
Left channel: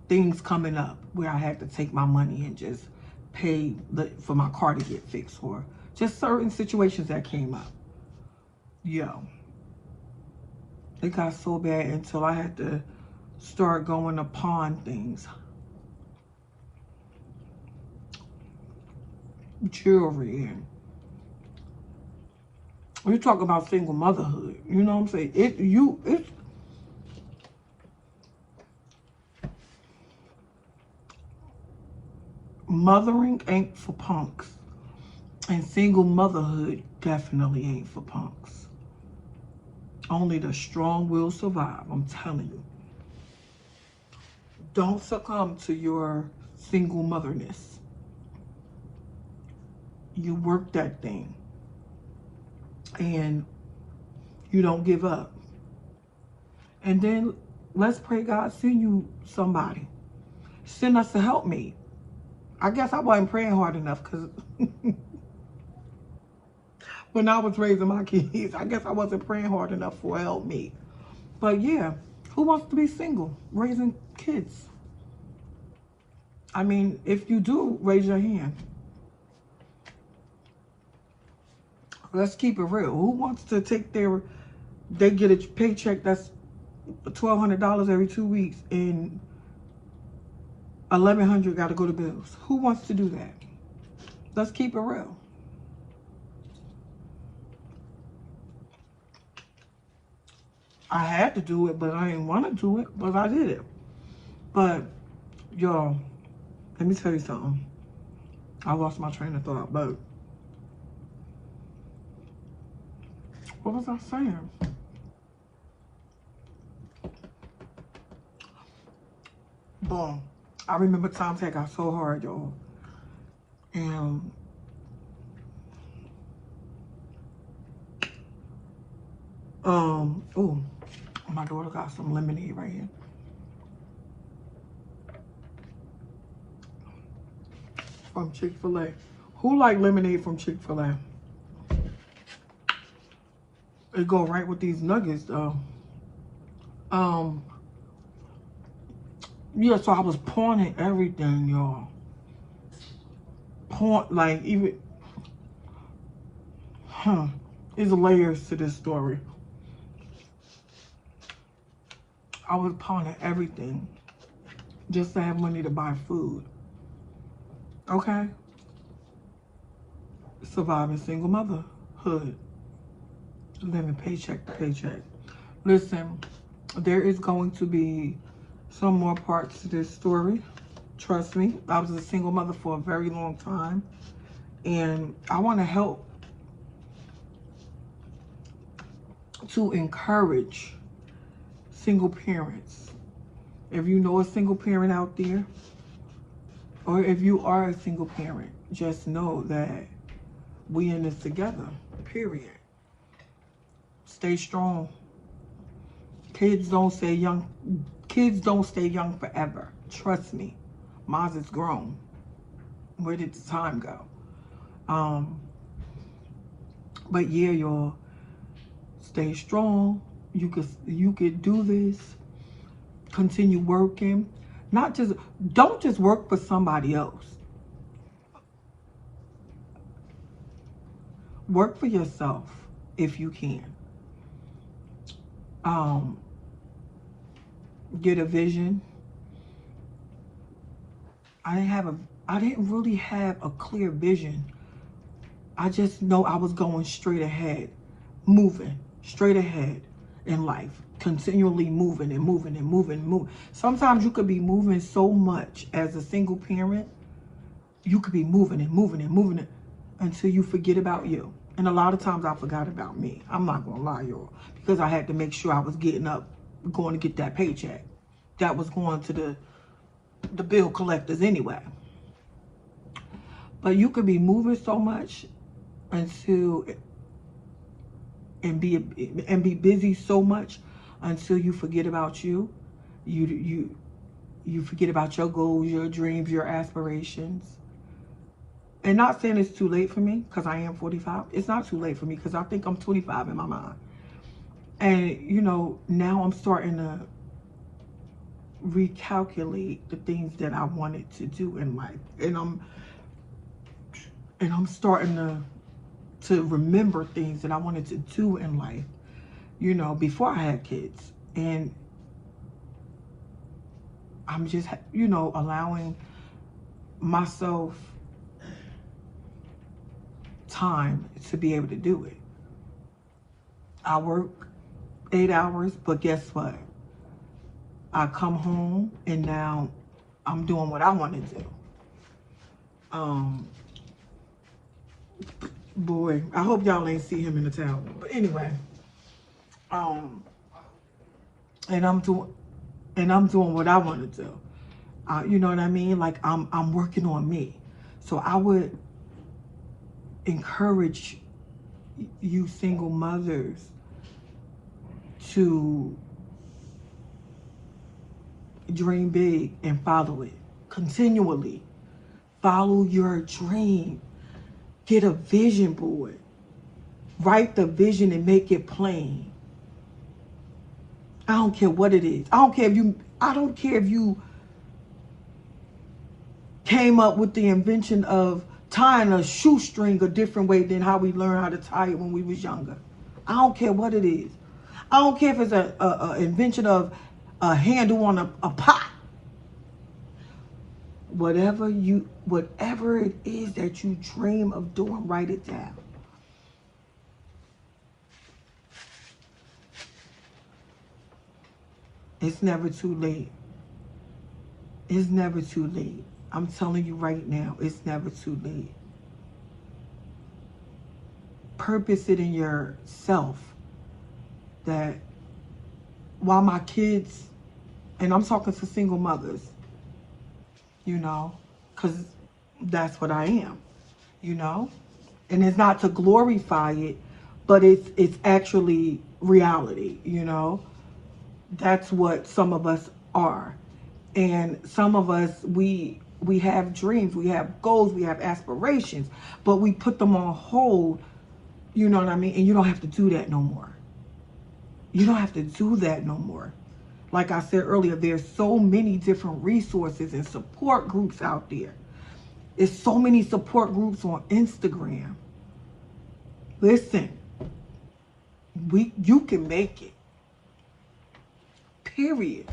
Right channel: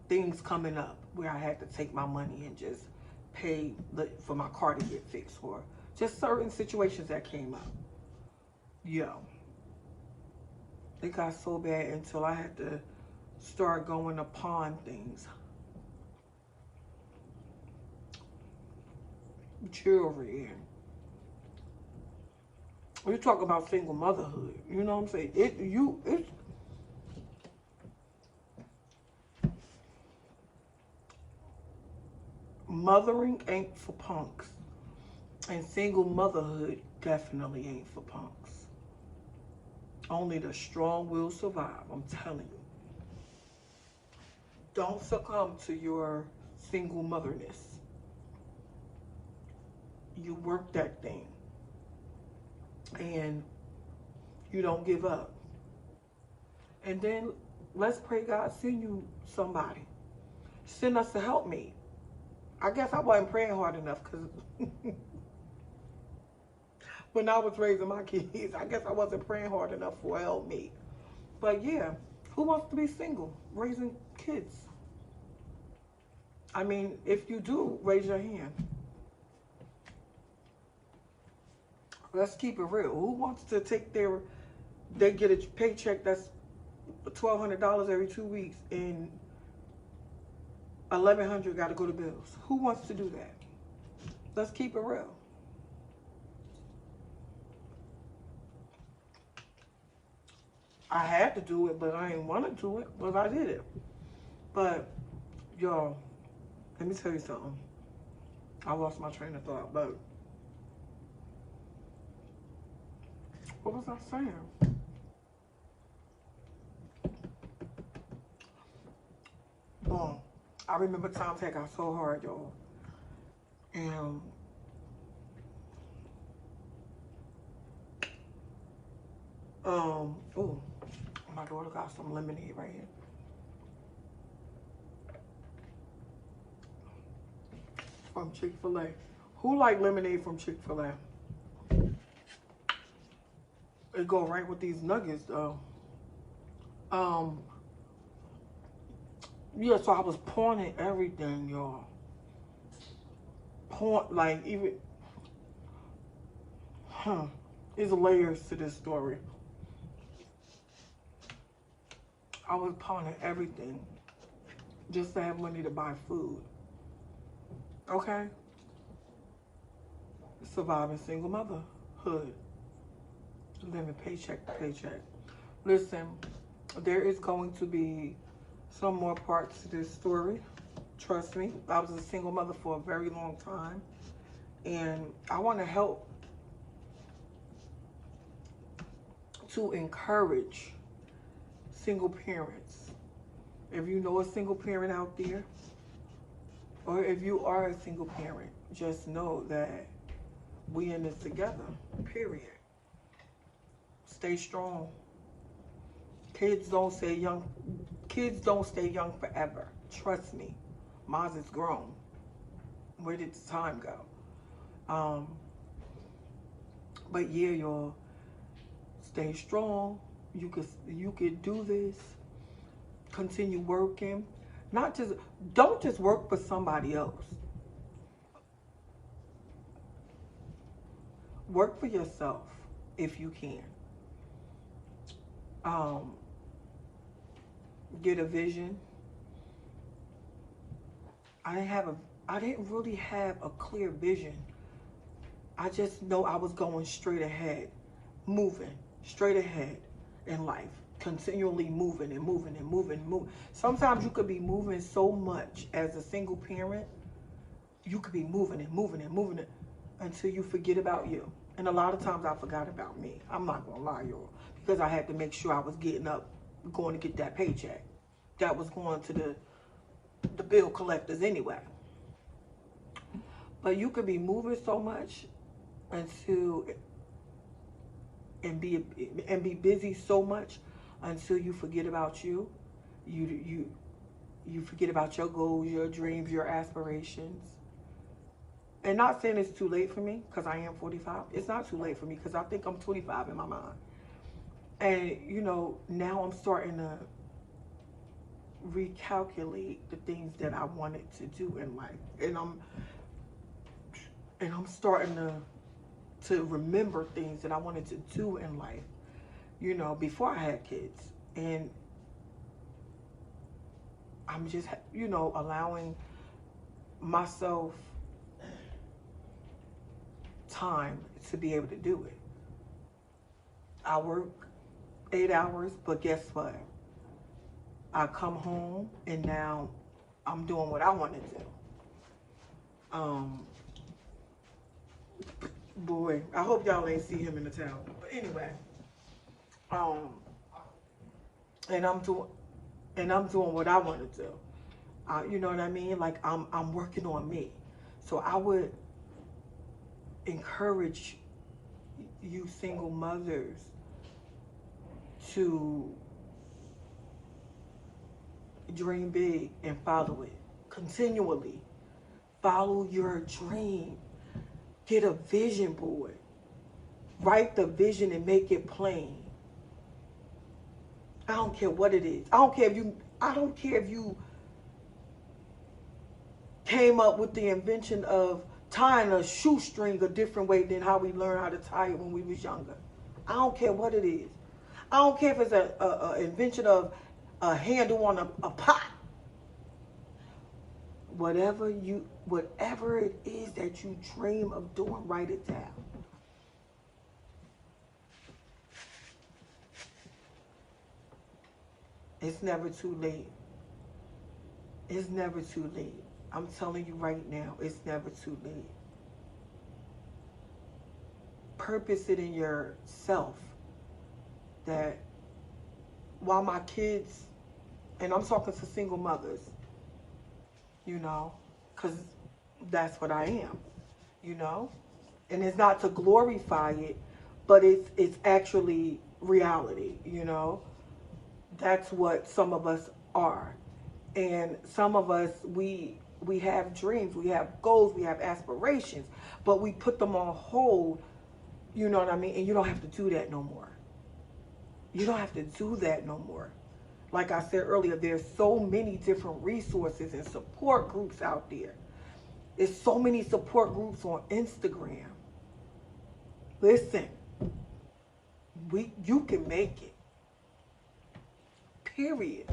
Things coming up where I had to take my money and just pay for my car to get fixed, or just certain situations that came up. Yo, it got so bad until I had to start going to pawn things. Jewelry. And we talk about single motherhood. You know what I'm saying? It's mothering ain't for punks. And single motherhood definitely ain't for punks. Only the strong will survive, I'm telling you. Don't succumb to your single motherness. You work that thing. And you don't give up. And then let's pray God send you somebody. Send us a helpmate. I guess I wasn't praying hard enough, because when I was raising my kids, I guess I wasn't praying hard enough for a helpmate. But yeah, who wants to be single, raising kids? I mean, if you do, raise your hand. Let's keep it real. Who wants to take they get a paycheck that's $1,200 every 2 weeks and $1,100 got to go to bills? Who wants to do that? Let's keep it real. I had to do it, but I didn't want to do it, but I did it. But, y'all, let me tell you something. I lost my train of thought, but what was I saying? Boom. I remember times that got so hard, y'all. And oh, my daughter got some lemonade right here. From Chick-fil-A. Who like lemonade from Chick-fil-A? It go right with these nuggets though. Yeah, so I was pawning everything, y'all. Like even there's layers to this story. I was pawning everything just to have money to buy food. Okay? Surviving single motherhood. Living paycheck to paycheck. Listen, there is going to be some more parts to this story. Trust me. I was a single mother for a very long time. And I want to help to encourage single parents. If you know a single parent out there, or if you are a single parent, just know that we in this together, period. Stay strong. Kids don't stay young forever. Trust me. Mine is grown. Where did the time go? But yeah, y'all, stay strong. You could do this. Continue working. Don't just work for somebody else. Work for yourself if you can. Get a vision. I didn't really have a clear vision. I just know I was going straight ahead, moving straight ahead in life, continually moving and moving and moving and moving. Sometimes you could be moving so much as a single parent, you could be moving and moving and moving until you forget about you. And a lot of times I forgot about me. I'm not gonna lie, y'all, because I had to make sure I was getting up, going to get that paycheck. That was going to the bill collectors anyway. But you could be moving so much and be busy so much until you forget about you. You forget about your goals, your dreams, your aspirations. And not saying it's too late for me, because I am 45. It's not too late for me, because I think I'm 25 in my mind. And, you know, now I'm starting to recalculate the things that I wanted to do in life. And I'm starting to remember things that I wanted to do in life, you know, before I had kids. And I'm just, you know, allowing myself time to be able to do it. I work 8 hours, but guess what? I come home and now I'm doing what I want to do. Boy, I hope y'all ain't see him in the towel. But anyway, and I'm doing what I want to do. You know what I mean? Like I'm working on me. So I would encourage you single mothers to dream big and follow it continually. Follow your dream. Get a vision board. Write the vision and make it plain. I don't care what it is. I don't care if you came up with the invention of tying a shoestring a different way than how we learned how to tie it when we was younger. I don't care what it is. I don't care if it's a invention of a handle on a pot. Whatever it is that you dream of doing, write it down. It's never too late. It's never too late. I'm telling you right now, it's never too late. Purpose it in yourself that while my kids, and I'm talking to single mothers, you know, because that's what I am, you know. And it's not to glorify it, but it's actually reality, you know. That's what some of us are. And some of us, we have dreams, we have goals, we have aspirations, but we put them on hold, you know what I mean? And you don't have to do that no more. You don't have to do that no more. Like I said earlier, there's so many different resources and support groups out there. There's so many support groups on Instagram. Listen, you can make it. Period.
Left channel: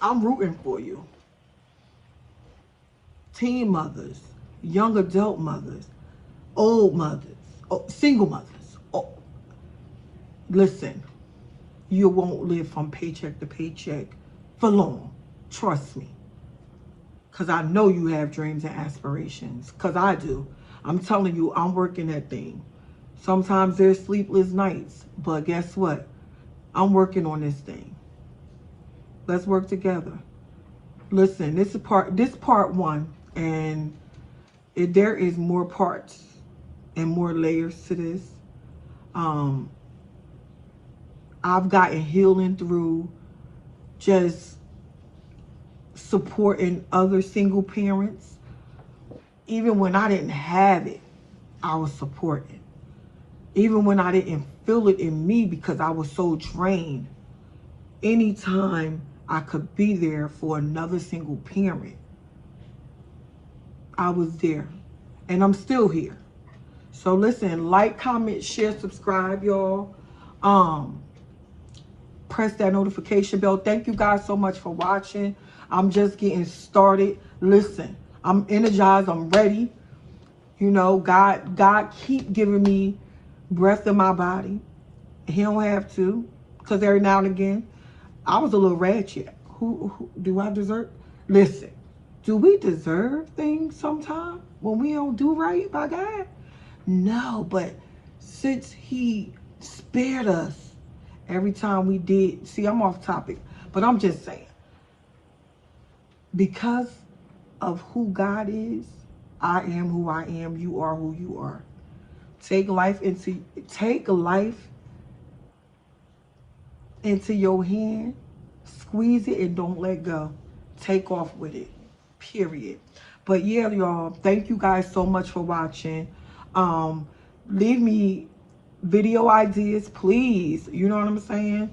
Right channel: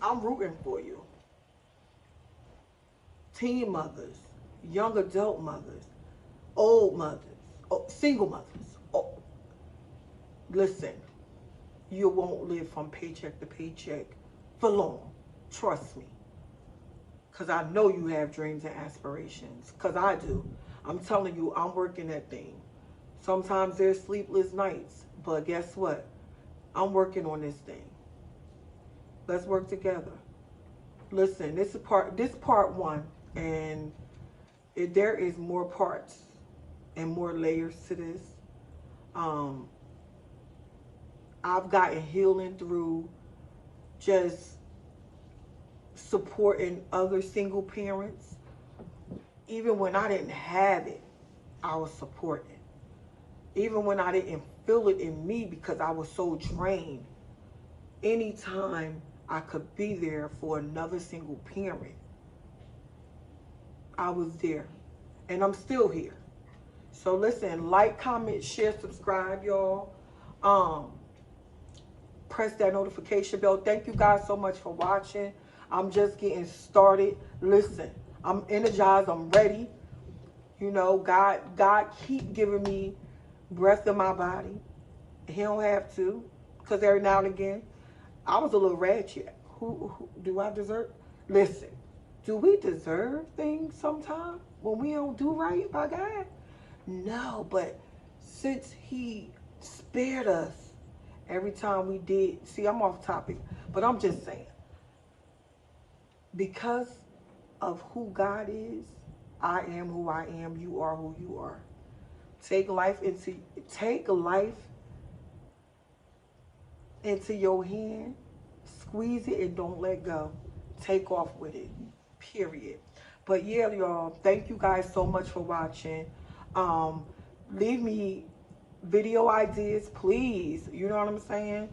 I'm rooting for you. Teen mothers, young adult mothers, old mothers, single mothers. Oh, listen, you won't live from paycheck to paycheck for long. Trust me. Because I know you have dreams and aspirations. Because I do. I'm telling you, I'm working that thing. Sometimes there's sleepless nights. But guess what? I'm working on this thing. Let's work together. Listen, this is part one. And there is more parts and more layers to this. I've gotten healing through just supporting other single parents. Even when I didn't have it, I was supporting. Even when I didn't feel it in me because I was so drained. Anytime I could be there for another single parent, I was there. And I'm still here. So listen, like, comment, share, subscribe, y'all. Press that notification bell. Thank you guys so much for watching. I'm just getting started. Listen, I'm energized. I'm ready. You know, God keep giving me breath in my body. He don't have to, because every now and again, I was a little ratchet. Who do I deserve? Listen, do we deserve things sometimes when we don't do right by God? No, but since He spared us every time we did, see, I'm off topic, but I'm just saying, because of who God is, I am who I am, you are who you are. Take life into your hand, squeeze it and don't let go. Take off with it, period. But yeah, y'all, thank you guys so much for watching. Leave me video ideas, please. You know what I'm saying?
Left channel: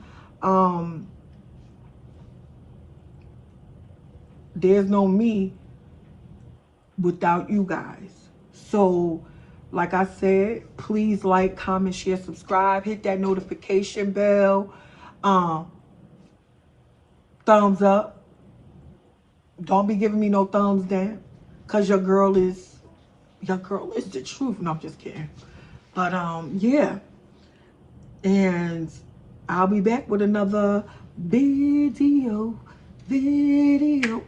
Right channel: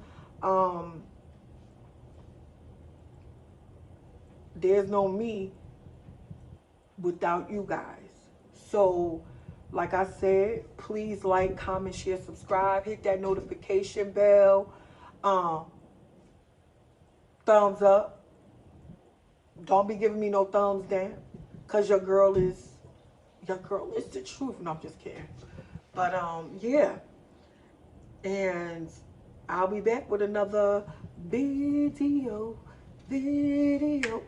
There's no me without you guys. So, like I said, please like, comment, share, subscribe. Hit that notification bell. Thumbs up. Don't be giving me no thumbs down. Because your girl is the truth. No, I'm just kidding. But, yeah. And I'll be back with another video. Hey.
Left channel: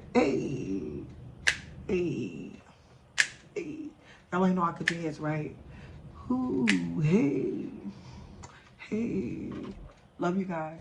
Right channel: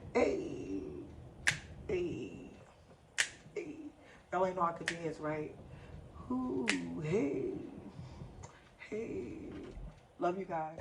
Hey. Hey. Y'all ain't know I could dance, right? Ooh, hey. Hey. Love you guys.